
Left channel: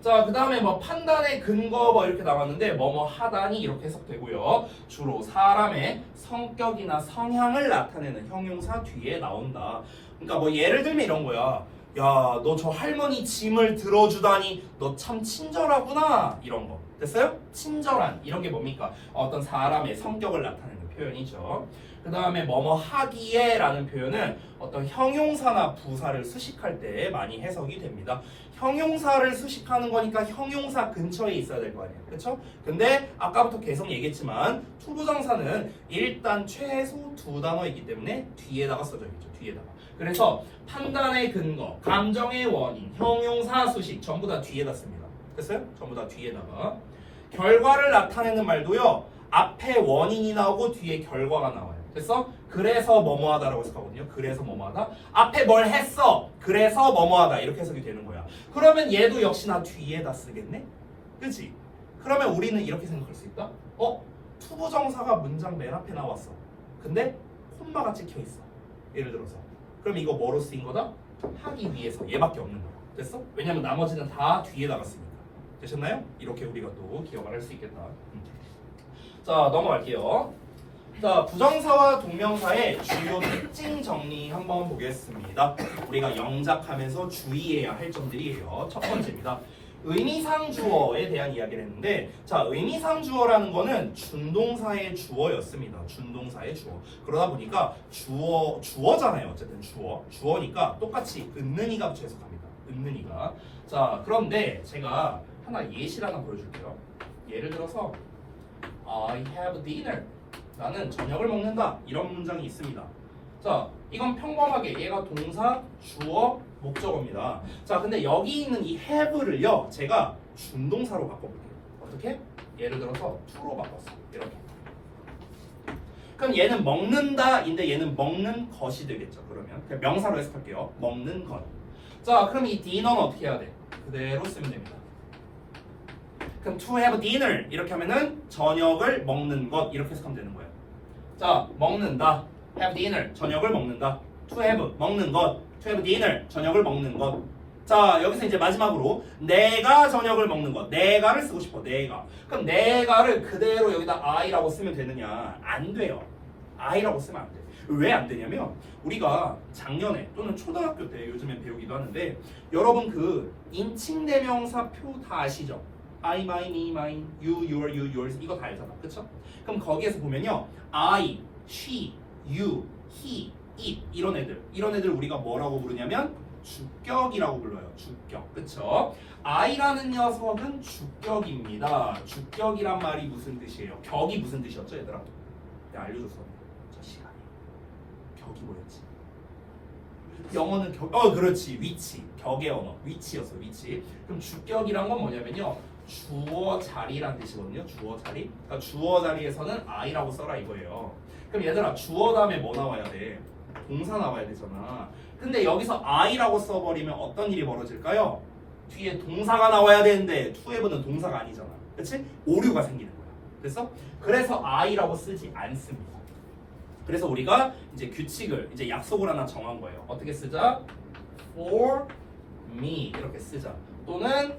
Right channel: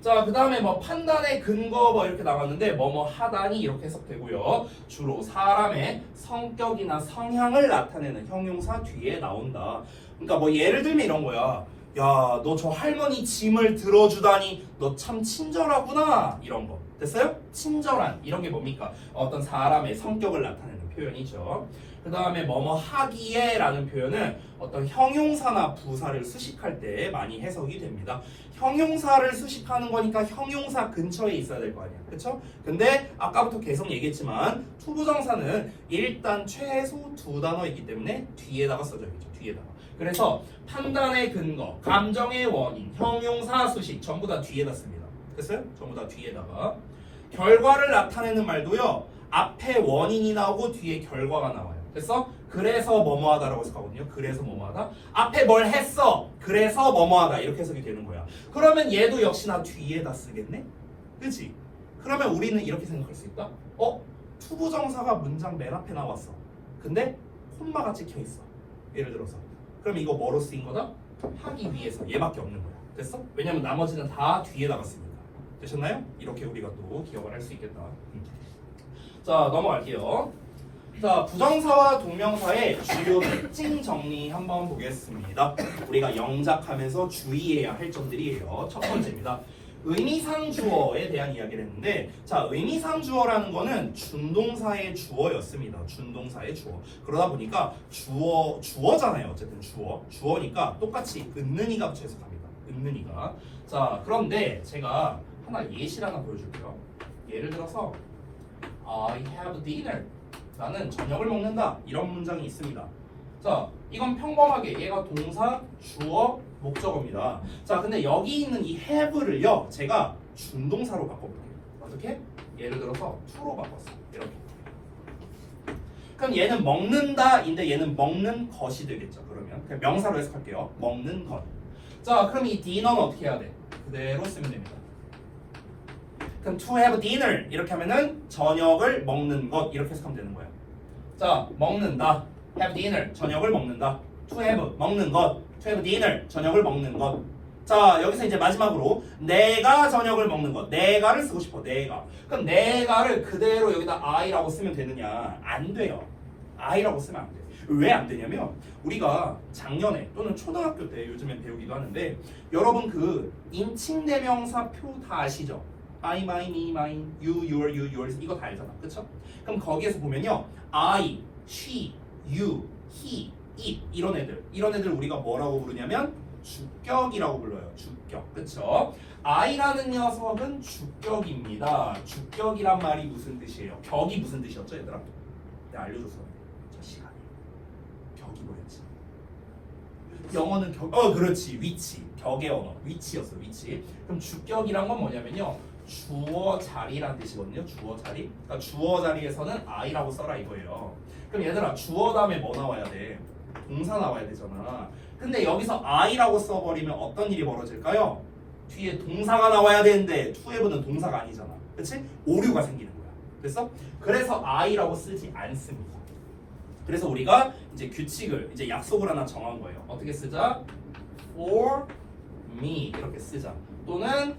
자, 그 다음에 뭐 판단의 근거 뭐 이렇게 나왔는데 뭐뭐 하다니 이렇게 해석되고요. 주로 사람의 성격이나 성향을 나타내는 형용사 뒤에 나온다. 그러니까 뭐 예를 들면 이런 거야. 야, 너 저 할머니 짐을 들어주다니 너 참 친절하구나 이런 거. 됐어요? 친절한 이런 게 뭡니까? 어떤 사람의 성격을 나타내는 표현이죠. 그 다음에 뭐뭐 하기에 라는 표현은 어떤 형용사나 부사를 수식할 때 많이 해석이 됩니다. 형용사를 수식하는 거니까 형용사 근처에 있어야 될 거 아니야. 그쵸? 근데 아까부터 계속 얘기했지만 투부정사는 일단 최소 2단어이기 때문에 뒤에다가 써줘야겠죠. 뒤에다가. 그래서 판단의 근거, 감정의 원인, 형용사 수식 전부 다 뒤에다 씁니다. 됐어요? 전부 다 뒤에다가. 결과를 나타내는 말도요. 앞에 원인이 나오고 뒤에 결과가 나와요. 됐어? 그래서 뭐뭐하다라고 해석하거든요. 그래서 뭐뭐하다. 앞에 뭘 했어. 그래서 뭐뭐하다. 이렇게 해석이 되는 거야. 그러면 얘도 역시나 뒤에다 쓰겠네? 그치? 그러면 우리는 이렇게 생각할 수 있다. 투부정사가 문장 맨 앞에 나왔어. 근데 콤마가 찍혀 있어. 예를 들어서. 그럼 이거 뭐로 쓰인 거다? 하기 위해서. 얘밖에 없는 거야. 됐어? 왜냐면 나머지는 다 뒤에다가 쓰니까. 되셨나요? 이렇게 우리가 또 기억을 할 수 있겠다. 자, 넘어갈게요. 자, 부정사와 동명사의 주요 특징 정리 한번 보겠습니다. 우리가 영작하면서 주의해야 할 점들이에요. 첫 번째입니다. 의미상 주어에 대한 이야기를 했는데, 자, 의미상 주어라는 거는 준동사의 주어였습니다. 준동사의 주어. 그러다 보니까 주어잖아요. 어쨌든 주어니까 똑같이 은는이가 붙여 해석합니다. 은는이가. 자, 그런데 제가 하나 예시를 하나 보여줄게요. 예를 들어서 I have dinner. 나는 저녁을 먹는다. 이런 문장이 있습니다. 자, 이건 평범하게 얘가 동사, 주어, 목적어입니다. 자, 근데 여기 있는 이 have를요, 제가 준동사로 바꿔볼게요. 어떻게? 예를 들어서 to로 바꿨어요. 이렇게. 그럼 얘는 먹는다인데 얘는 먹는 것이 되겠죠. 그러면 그냥 명사로 해석할게요. 먹는 것. 자, 그럼 이 dinner는 어떻게 해야 돼? 그대로 쓰면 됩니다. 그럼 to have dinner 이렇게 하면은 저녁을 먹는 것 이렇게 해석하면 되는 거예요. 자, 먹는다. have dinner 저녁을 먹는다. to have 먹는 것. to have dinner 저녁을 먹는 것. 자, 여기서 이제 마지막으로 내가 저녁을 먹는 것. 내가를 쓰고 싶어. 내가. 그럼 내가를 그대로 여기다 I라고 쓰면 되느냐? 안 돼요. I라고 쓰면 안 돼. 왜 안 되냐면 우리가 작년에 또는 초등학교 때 요즘엔 배우기도 하는데 여러분 그 인칭대명사 표 다 아시죠? I, my, me, mine, you, your, yours 이거 다 알잖아. 그쵸? 그럼 거기에서 보면요. I, she, you, he, it 이런 애들 우리가 뭐라고 부르냐면 주격이라고 불러요. 주격. 그쵸? I라는 녀석은 주격입니다. 주격이란 말이 무슨 뜻이에요? 격이 무슨 뜻이었죠, 얘들아? 내가 알려줬어. 저 시간에. 격이 뭐였지? 영어는 격, 그렇지. 위치. 격의 언어. 위치였어, 위치. 그럼 주격이란 건 뭐냐면요. 주어 자리란 뜻이거든요. 주어 자리. 그러니까 주어 자리에서는 I라고 써라 이거예요. 그럼 얘들아, 주어 다음에 뭐 나와야 돼? 동사 나와야 되잖아. 근데 여기서 I라고 써버리면 어떤 일이 벌어질까요? 뒤에 동사가 나와야 되는데 to have는 동사가 아니잖아. 그치? 오류가 생기는 거야. 됐어? 그래서 I라고 쓰지 않습니다. 그래서 우리가 이제 규칙을, 이제 약속을 하나 정한 거예요. 어떻게 쓰자? For me 이렇게 쓰자. 또는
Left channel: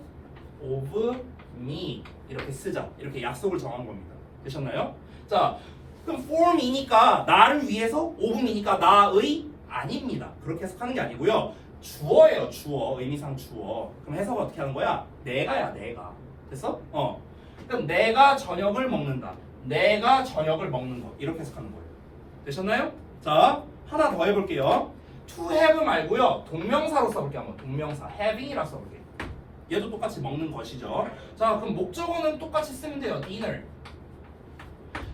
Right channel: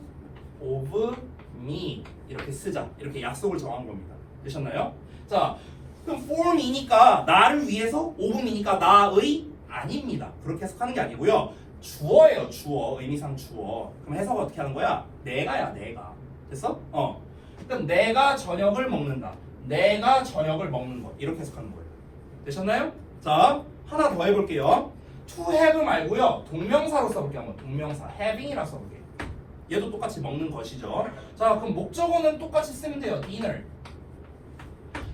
of me 이렇게 쓰자. 이렇게 약속을 정한 겁니다. 되셨나요? 자, 그럼 for me니까 나를 위해서, of me니까 나의 아닙니다. 그렇게 해석하는 게 아니고요. 주어예요. 주어. 의미상 주어. 그럼 해석 어떻게 하는 거야? 내가야, 내가. 됐어? 그럼 내가 저녁을 먹는다. 내가 저녁을 먹는 것. 이렇게 해석하는 거예요. 되셨나요? 자, 하나 더 해볼게요. to have 말고요. 동명사로 써볼게요. 한번 동명사 having이라고 써볼게요. 얘도 똑같이 먹는 것이죠. 자, 그럼 목적어는 똑같이 쓰면 돼요. dinner.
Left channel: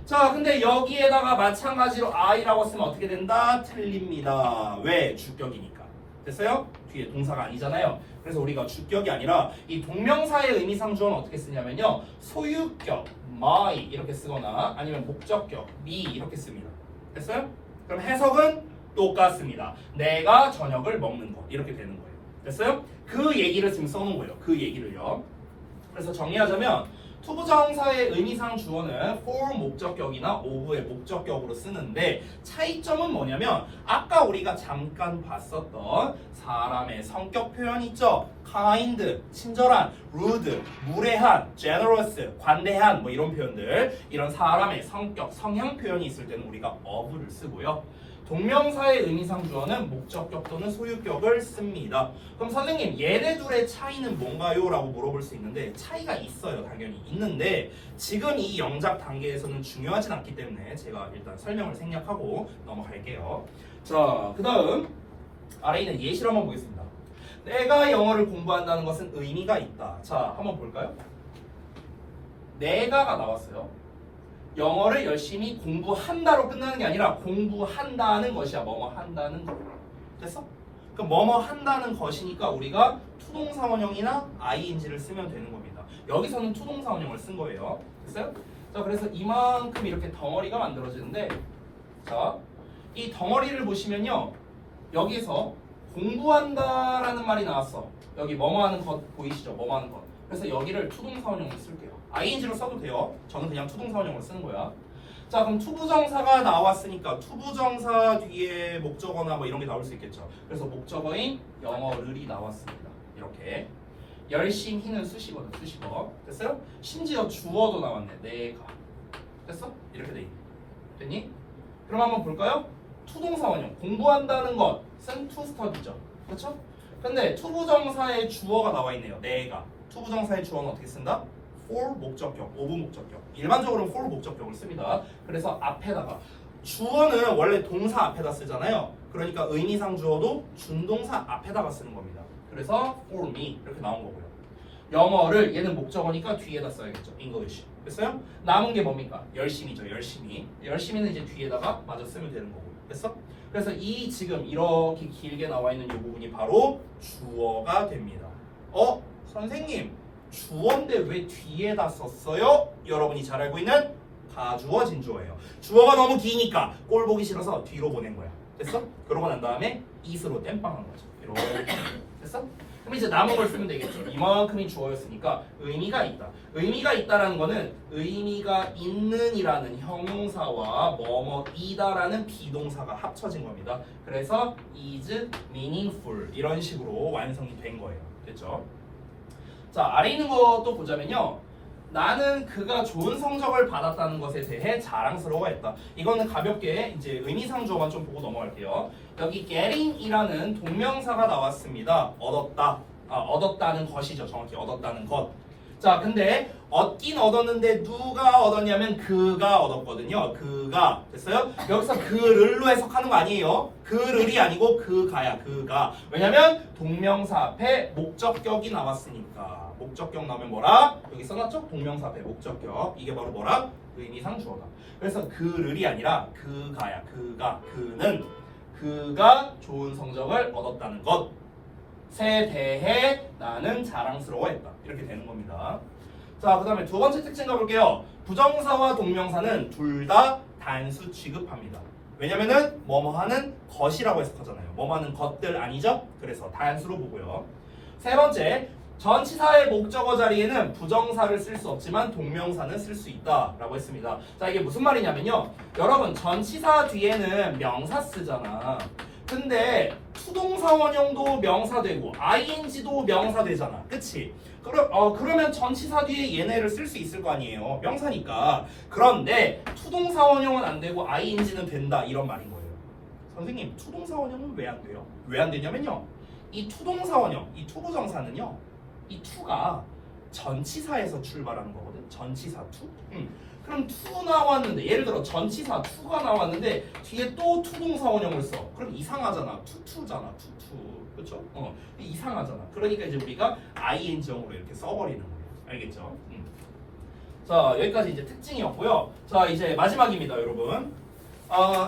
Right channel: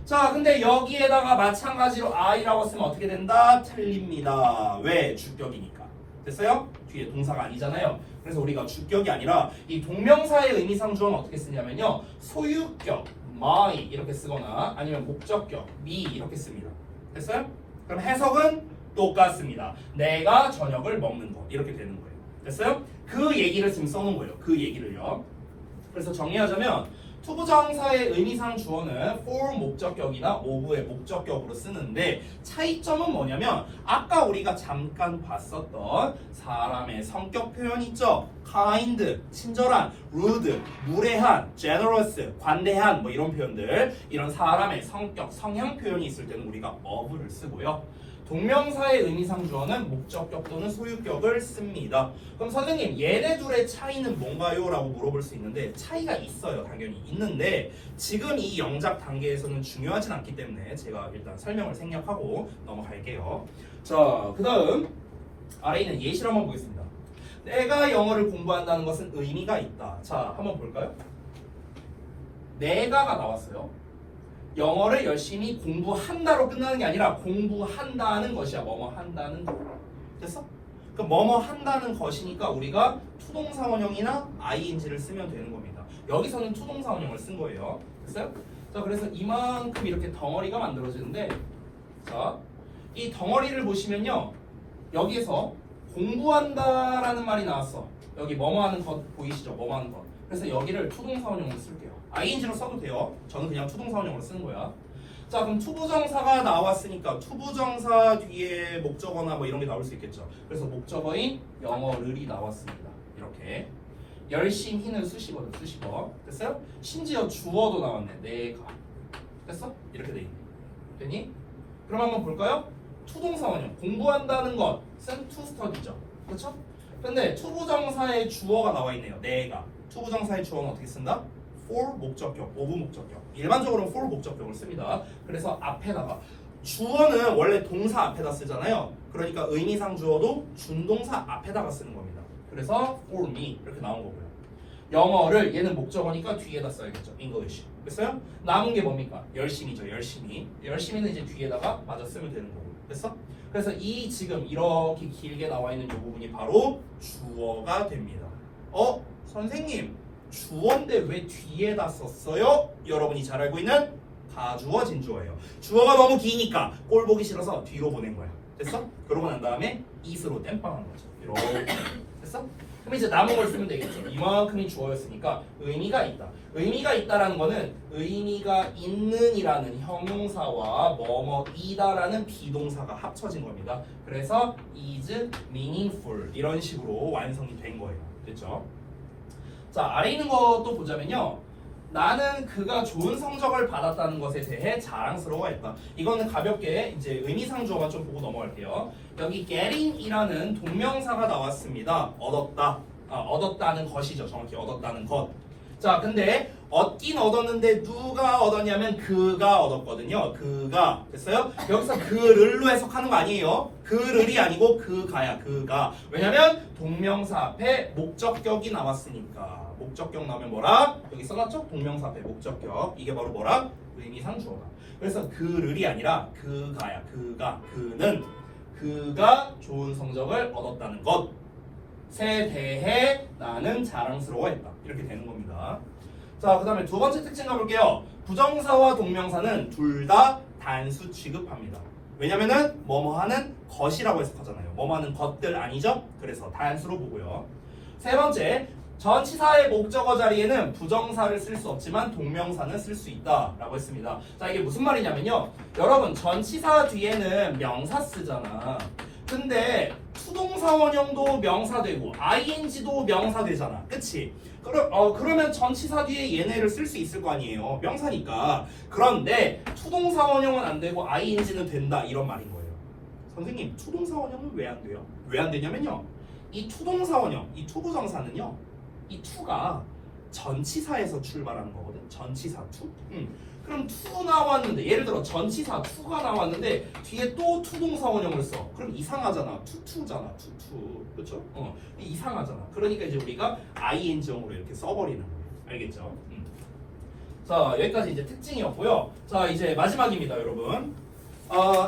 자, 근데 여기에다가 마찬가지로 I라고 쓰면 어떻게 된다? 틀립니다. 왜? 주격이니까. 됐어요? 뒤에 동사가 아니잖아요. 그래서 우리가 주격이 아니라 이 동명사의 의미상 주어는 어떻게 쓰냐면요. 소유격, my 이렇게 쓰거나 아니면 목적격, me 이렇게 씁니다. 됐어요? 그럼 해석은 똑같습니다. 내가 저녁을 먹는 것 이렇게 되는 거예요. 됐어요? 그 얘기를 지금 써놓은 거예요. 그 얘기를요. 그래서 정리하자면 투부정사의 의미상 주어는 for 목적격이나 of의 목적격으로 쓰는데 차이점은 뭐냐면 아까 우리가 잠깐 봤었던 사람의 성격 표현 있죠? kind, 친절한, rude, 무례한, generous, 관대한 뭐 이런 표현들 이런 사람의 성격, 성향 표현이 있을 때는 우리가 of를 쓰고요. 동명사의 의미상 주어는 목적격 또는 소유격을 씁니다. 그럼 선생님 얘네 둘의 차이는 뭔가요? 라고 물어볼 수 있는데 차이가 있어요. 당연히 있는데 지금 이 영작 단계에서는 중요하진 않기 때문에 제가 일단 설명을 생략하고 넘어갈게요. 자, 그 다음 아래 있는 예시를 한번 보겠습니다. 내가 영어를 공부한다는 것은 의미가 있다. 자, 한번 볼까요? 내가가 나왔어요. 영어를 열심히 공부한다로 끝나는 게 아니라 공부한다는 것이야. 뭐뭐 한다는 거. 됐어? 그럼 뭐뭐 한다는 것이니까 우리가 투동사 원형이나 ing를 쓰면 되는 겁니다. 여기서는 투동사 원형을 쓴 거예요. 됐어요? 자, 그래서 이만큼 이렇게 덩어리가 만들어지는데 자, 이 덩어리를 보시면요. 여기서 공부한다라는 말이 나왔어. 여기 뭐뭐 하는 것 보이시죠? 뭐뭐 하는 것. 그래서 여기를 투동사 원형으로 쓸게요. ing로 써도 돼요. 저는 그냥 투동사 원형으로 쓰는 거야. 자, 그럼 투부정사가 나왔으니까 투부정사 뒤에 목적어나 뭐 이런 게 나올 수 있겠죠. 그래서 목적어인 영어를이 나왔습니다. 이렇게 열심히는 수식어도 수식어. 됐어요? 심지어 주어도 나왔네. 내가. 됐어? 이렇게 돼 있네. 됐니? 그럼 한번 볼까요? 투동사 원형. 공부한다는 것은 to study죠. 그렇죠? 근데 투부정사의 주어가 나와 있네요. 내가. 투부정사의 주어는 어떻게 쓴다? for 목적격, of 목적격. 일반적으로는 for 목적격을 씁니다. 그래서 앞에다가 주어는 원래 동사 앞에다 쓰잖아요. 그러니까 의미상 주어도 준동사 앞에다가 쓰는 겁니다. 그래서 for me 이렇게 나온 거고요. 영어를 얘는 목적어니까 뒤에다 써야겠죠. English. 됐어요? 남은 게 뭡니까? 열심히죠. 열심히. 열심히는 이제 뒤에다가 마저 쓰면 되는 거고요. 됐어? 그래서 이 지금 이렇게 길게 나와 있는 이 부분이 바로 주어가 됩니다. 선생님 주어인데 왜 뒤에다 썼어요? 여러분이 잘 알고 있는 가주어 진주어예요. 주어가 너무 기니까 꼴 보기 싫어서 뒤로 보낸 거야. 됐어? 그러고 난 다음에 it으로 땜빵한 거죠. 이렇게. 됐어? 그럼 이제 남은 걸 쓰면 되겠죠. 이만큼이 주어였으니까 의미가 있다. 의미가 있다라는 거는 의미가 있는이라는 형용사와 뭐뭐이다라는 비동사가 합쳐진 겁니다. 그래서 is meaningful 이런 식으로 완성이 된 거예요. 됐죠? 자, 아래 있는 것도 보자면요. 나는 그가 좋은 성적을 받았다는 것에 대해 자랑스러워했다. 이거는 가볍게 이제 의미상 주어만 좀 보고 넘어갈게요. 여기 getting이라는 동명사가 나왔습니다. 얻었다. 얻었다는 것이죠. 정확히 얻었다는 것. 자, 근데 얻긴 얻었는데 누가 얻었냐면 그가 얻었거든요. 그가. 됐어요? 여기서 그를로 해석하는 거 아니에요. 그를이 아니고 그가야. 그가. 왜냐면 동명사 앞에 목적격이 나왔으니까. 목적격 나오면 뭐라? 여기 써놨죠? 동명사 앞에 목적격. 이게 바로 뭐라? 의미상 주어다. 그래서 그를이 아니라 그가야. 그가. 그는 그가 좋은 성적을 얻었다는 것에 대해 나는 자랑스러워했다. 이렇게 되는 겁니다. 자, 그 다음에 두 번째 특징 가볼게요. 부정사와 동명사는 둘 다 단수 취급합니다. 왜냐면은 뭐뭐하는 것이라고 해석하잖아요. 뭐뭐하는 것들 아니죠? 그래서 단수로 보고요. 세 번째, 전치사의 목적어 자리에는 부정사를 쓸 수 없지만 동명사는 쓸 수 있다라고 했습니다. 자, 이게 무슨 말이냐면요. 여러분, 전치사 뒤에는 명사 쓰잖아. 근데 투동사 원형도 명사 되고 ing도 명사 되잖아. 그치? 그러면 전치사 뒤에 얘네를 쓸 수 있을 거 아니에요. 명사니까. 그런데 투동사 원형은 안 되고 ing는 된다. 이런 말인 거예요. 선생님, 투동사 원형은 왜 안 돼요? 왜 안 되냐면요. 이 투동사 원형, 이 투부정사는요. 이 투가 전치사에서 출발하는 거거든. 전치사 투. 그럼 to 나왔는데 예를 들어 전치사 to가 나왔는데 뒤에 또 to 동사원형을 써. 그럼 이상하잖아. to잖아. to. 그렇죠? 이상하잖아. 그러니까 이제 우리가 ing형으로 이렇게 써버리는 거예요. 알겠죠? 자, 여기까지 이제 특징이었고요. 자, 이제 마지막입니다, 여러분.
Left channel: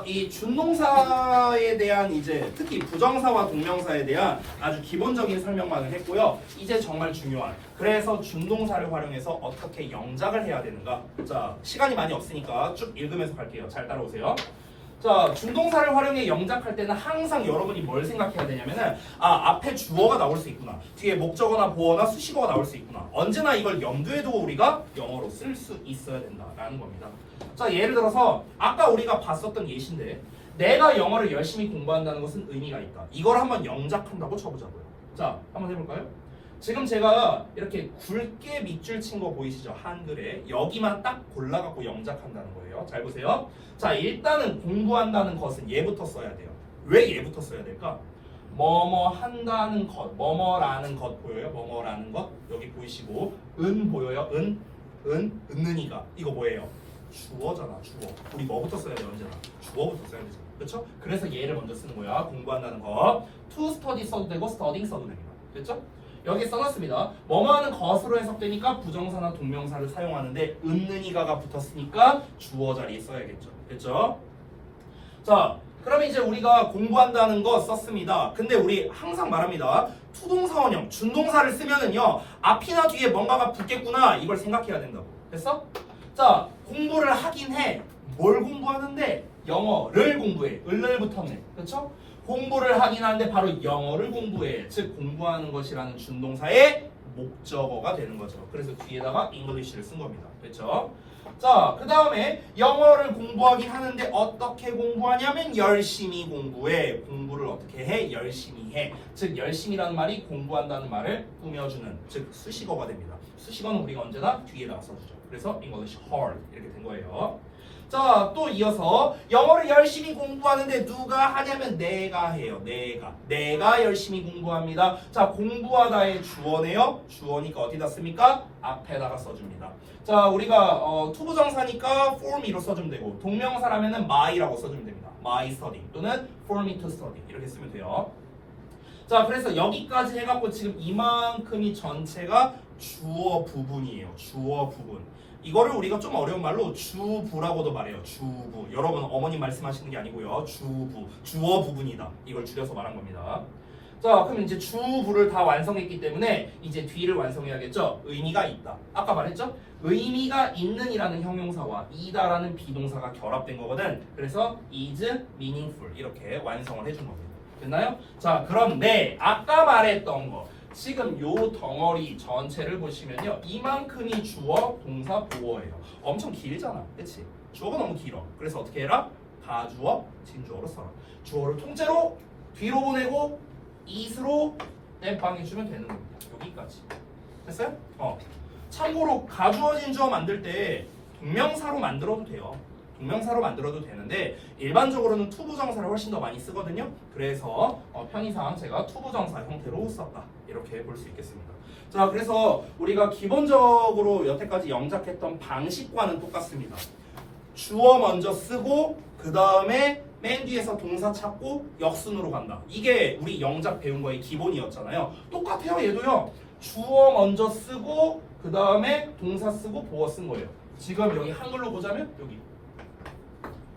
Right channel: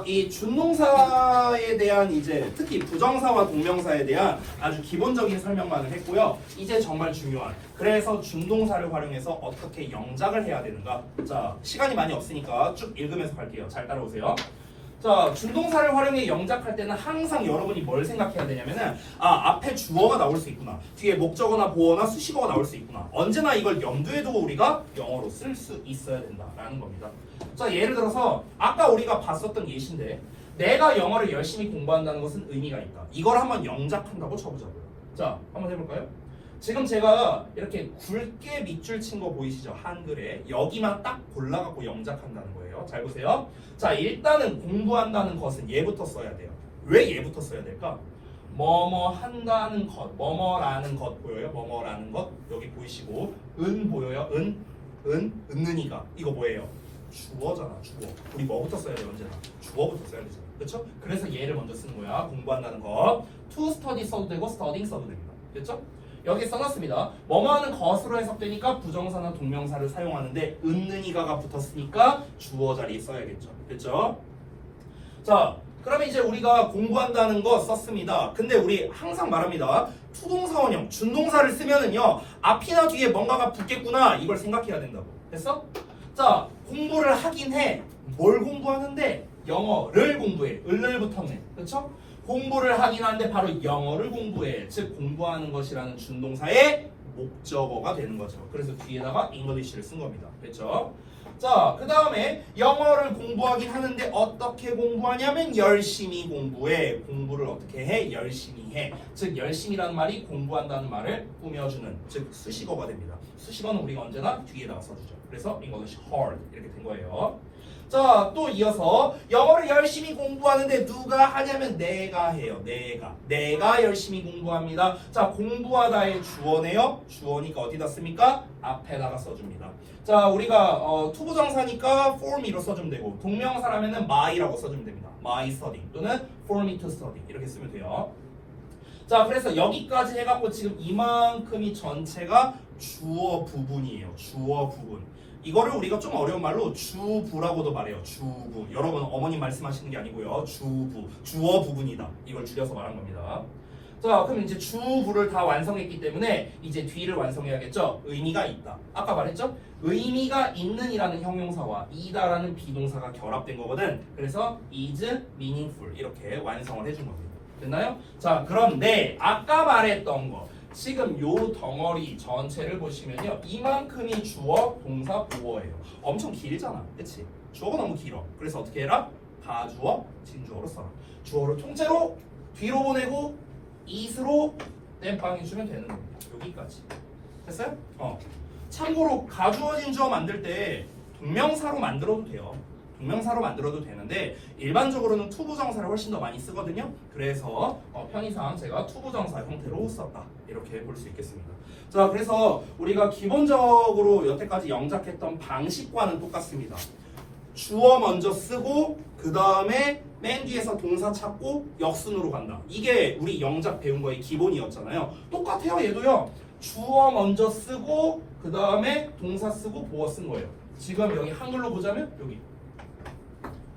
이 준동사에 대한 이제 특히 부정사와 동명사에 대한 아주 기본적인 설명만을 했고요. 이제 정말 중요한 그래서 준동사를 활용해서 어떻게 영작을 해야 되는가. 자, 시간이 많이 없으니까 쭉 읽으면서 갈게요. 잘 따라오세요. 자, 준동사를 활용해 영작할 때는 항상 여러분이 뭘 생각해야 되냐면은 앞에 주어가 나올 수 있구나, 뒤에 목적어나 보어나 수식어가 나올 수 있구나, 언제나 이걸 염두에 두고 우리가 영어로 쓸 수 있어야 된다라는 겁니다. 자, 예를 들어서 아까 우리가 봤었던 예시인데 내가 영어를 열심히 공부한다는 것은 의미가 있다. 이걸 한번 영작한다고 쳐보자고요. 자, 한번 해볼까요? 지금 제가 이렇게 굵게 밑줄 친 거 보이시죠? 한글에 여기만 딱 골라갖고 영작한다는 거예요. 잘 보세요. 자, 일단은 공부한다는 것은 얘부터 써야 돼요. 왜 얘부터 써야 될까? 뭐뭐 한다는 것, 뭐뭐라는 것 보여요? 뭐뭐라는 것 여기 보이시고 은 보여요? 은는이가 이거 뭐예요? 주어잖아. 주어. 우리 뭐부터 써야 돼? 언제나 주어부터 써야 되잖아. 그렇죠? 그래서 얘를 먼저 쓰는 거야. 공부한다는 것. to study 써도 되고 studying 써도 됩니다. 됐죠? 여기 써놨습니다. 뭐뭐 하는 것으로 해석되니까 부정사나 동명사를 사용하는데 은는이가가 붙었으니까 주어 자리에 써야겠죠. 됐죠? 자, 그러면 이제 우리가 공부한다는 거 썼습니다. 근데 우리 항상 말합니다. 투동사원형, 준동사를 쓰면은요 앞이나 뒤에 뭔가가 붙겠구나 이걸 생각해야 된다고. 됐어? 자, 공부를 하긴 해. 뭘 공부하는데? 영어를 공부해. 을을 붙었네. 그렇죠? 공부를 하긴 하는데 바로 영어를 공부해. 즉 공부하는 것이라는 준동사의 목적어가 되는 거죠. 그래서 뒤에다가 English를 쓴 겁니다. 됐죠? 자, 그 다음에 영어를 공부하긴 하는데 어떻게 공부하냐면 열심히 공부해. 공부를 어떻게 해? 열심히 해. 즉 열심히라는 말이 공부한다는 말을 꾸며주는 즉 수식어가 됩니다. 수식어는 우리가 언제나 뒤에다가 써주죠. 그래서 English hard 이렇게 된 거예요. 자, 또 이어서 영어를 열심히 공부하는데 누가 하냐면 내가 해요. 내가 열심히 공부합니다. 자, 공부하다의 주어네요. 주어니까 어디다 씁니까? 앞에다가 써줍니다. 자, 우리가 투부정사니까 for me로 써주면 되고 동명사라면은 my라고 써주면 됩니다. my study 또는 for me to study 이렇게 쓰면 돼요. 자, 그래서 여기까지 해갖고 지금 이만큼이 전체가 주어 부분이에요. 주어 부분. 이거를 우리가 좀 어려운 말로 주부라고도 말해요. 주부. 여러분 어머님 말씀하시는 게 아니고요. 주부. 주어 부분이다. 이걸 줄여서 말한 겁니다. 자, 그럼 이제 주부를 다 완성했기 때문에 이제 뒤를 완성해야겠죠. 의미가 있다. 아까 말했죠? 의미가 있는이라는 형용사와 이다라는 비동사가 결합된 거거든. 그래서 is meaningful 이렇게 완성을 해준 겁니다. 됐나요? 자, 그런데 아까 말했던 거 지금 요 덩어리 전체를 보시면요 이만큼이 주어, 동사, 보어예요. 엄청 길잖아. 그치? 주어가 너무 길어. 그래서 어떻게 해라? 가주어, 진주어로 써라. 주어를 통째로 뒤로 보내고 it으로 땜빵해주면 되는 겁니다. 여기까지. 됐어요? 참고로 가주어, 진주어 만들 때 동명사로 만들어도 돼요. 동명사로 만들어도 되는데 일반적으로는 투부정사를 훨씬 더 많이 쓰거든요. 그래서 편의상 제가 투부정사 형태로 썼다. 이렇게 볼 수 있겠습니다. 자, 그래서 우리가 기본적으로 여태까지 영작했던 방식과는 똑같습니다. 주어 먼저 쓰고 그 다음에 맨 뒤에서 동사 찾고 역순으로 간다. 이게 우리 영작 배운 거의 기본이었잖아요. 똑같아요. 얘도요. 주어 먼저 쓰고 그 다음에 동사 쓰고 보어 쓴 거예요. 지금 여기 한글로 보자면 여기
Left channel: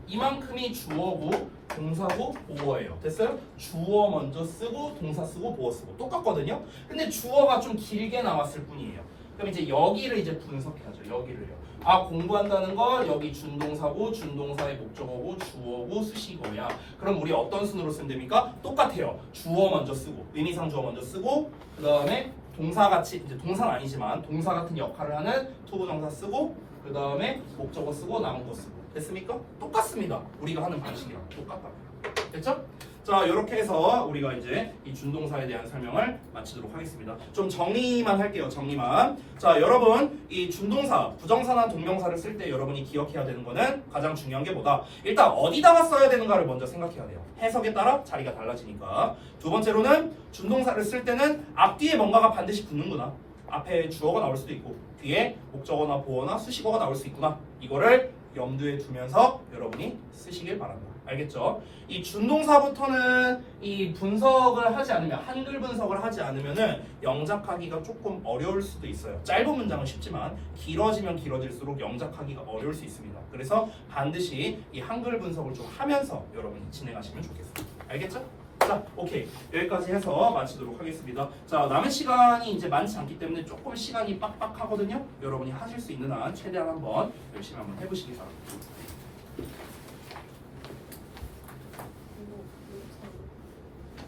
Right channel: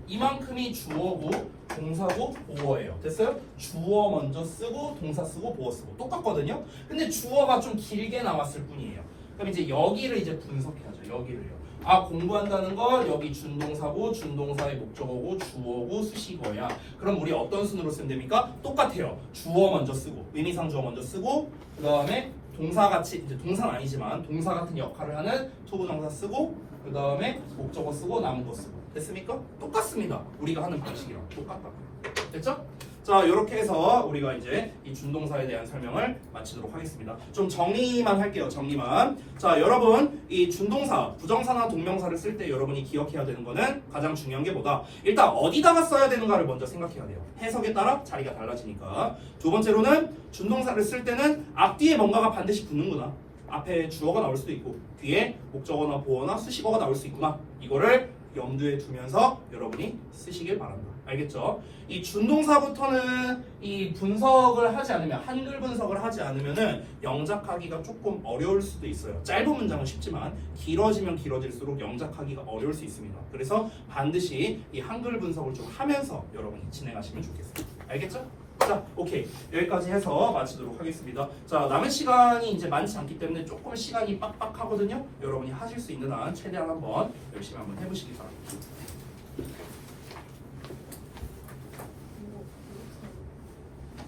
이만큼이 주어고 동사고 보어예요. 됐어요? 주어 먼저 쓰고 동사 쓰고 보어 쓰고 똑같거든요. 근데 주어가 좀 길게 남았을 뿐이에요. 그럼 이제 여기를 이제 분석해야죠. 여기를요. 공부한다는 거 여기 준동사고 준동사의 목적어고 주어고 수식어야. 그럼 우리 어떤 순으로 쓰면 됩니까? 똑같아요. 주어 먼저 쓰고 의미상 주어 먼저 쓰고 그 다음에 동사같이 이제 동사는 아니지만 동사 같은 역할을 하는 투부정사 쓰고 그 다음에 목적어 쓰고 남은 거 쓰고. 됐습니까? 똑같습니다. 우리가 하는 방식이랑 똑같다고요. 됐죠? 자, 이렇게 해서 우리가 이제 이 준동사에 대한 설명을 마치도록 하겠습니다. 좀 정리만 할게요. 정리만. 자, 여러분 이 준동사, 부정사나 동명사를 쓸 때 여러분이 기억해야 되는 거는 가장 중요한 게 뭐다? 일단 어디다가 써야 되는가를 먼저 생각해야 돼요. 해석에 따라 자리가 달라지니까. 두 번째로는 준동사를 쓸 때는 앞뒤에 뭔가가 반드시 붙는구나. 앞에 주어가 나올 수도 있고 뒤에 목적어나 보어나 수식어가 나올 수 있구나. 이거를 염두에 두면서 여러분이 쓰시길 바란다. 알겠죠? 이 준동사부터는 이 분석을 하지 않으면 한글 분석을 하지 않으면은 영작하기가 조금 어려울 수도 있어요. 짧은 문장은 쉽지만 길어지면 길어질수록 영작하기가 어려울 수 있습니다. 그래서 반드시 이 한글 분석을 좀 하면서 여러분이 진행하시면 좋겠습니다. 알겠죠? 자, 오케이. 여기까지 해서 마치도록 하겠습니다. 자, 남은 시간이 이제 많지 않기 때문에 조금 시간이 빡빡하거든요. 여러분이 하실 수 있는 한 최대한 한번 열심히 한번 해보시기 바랍니다.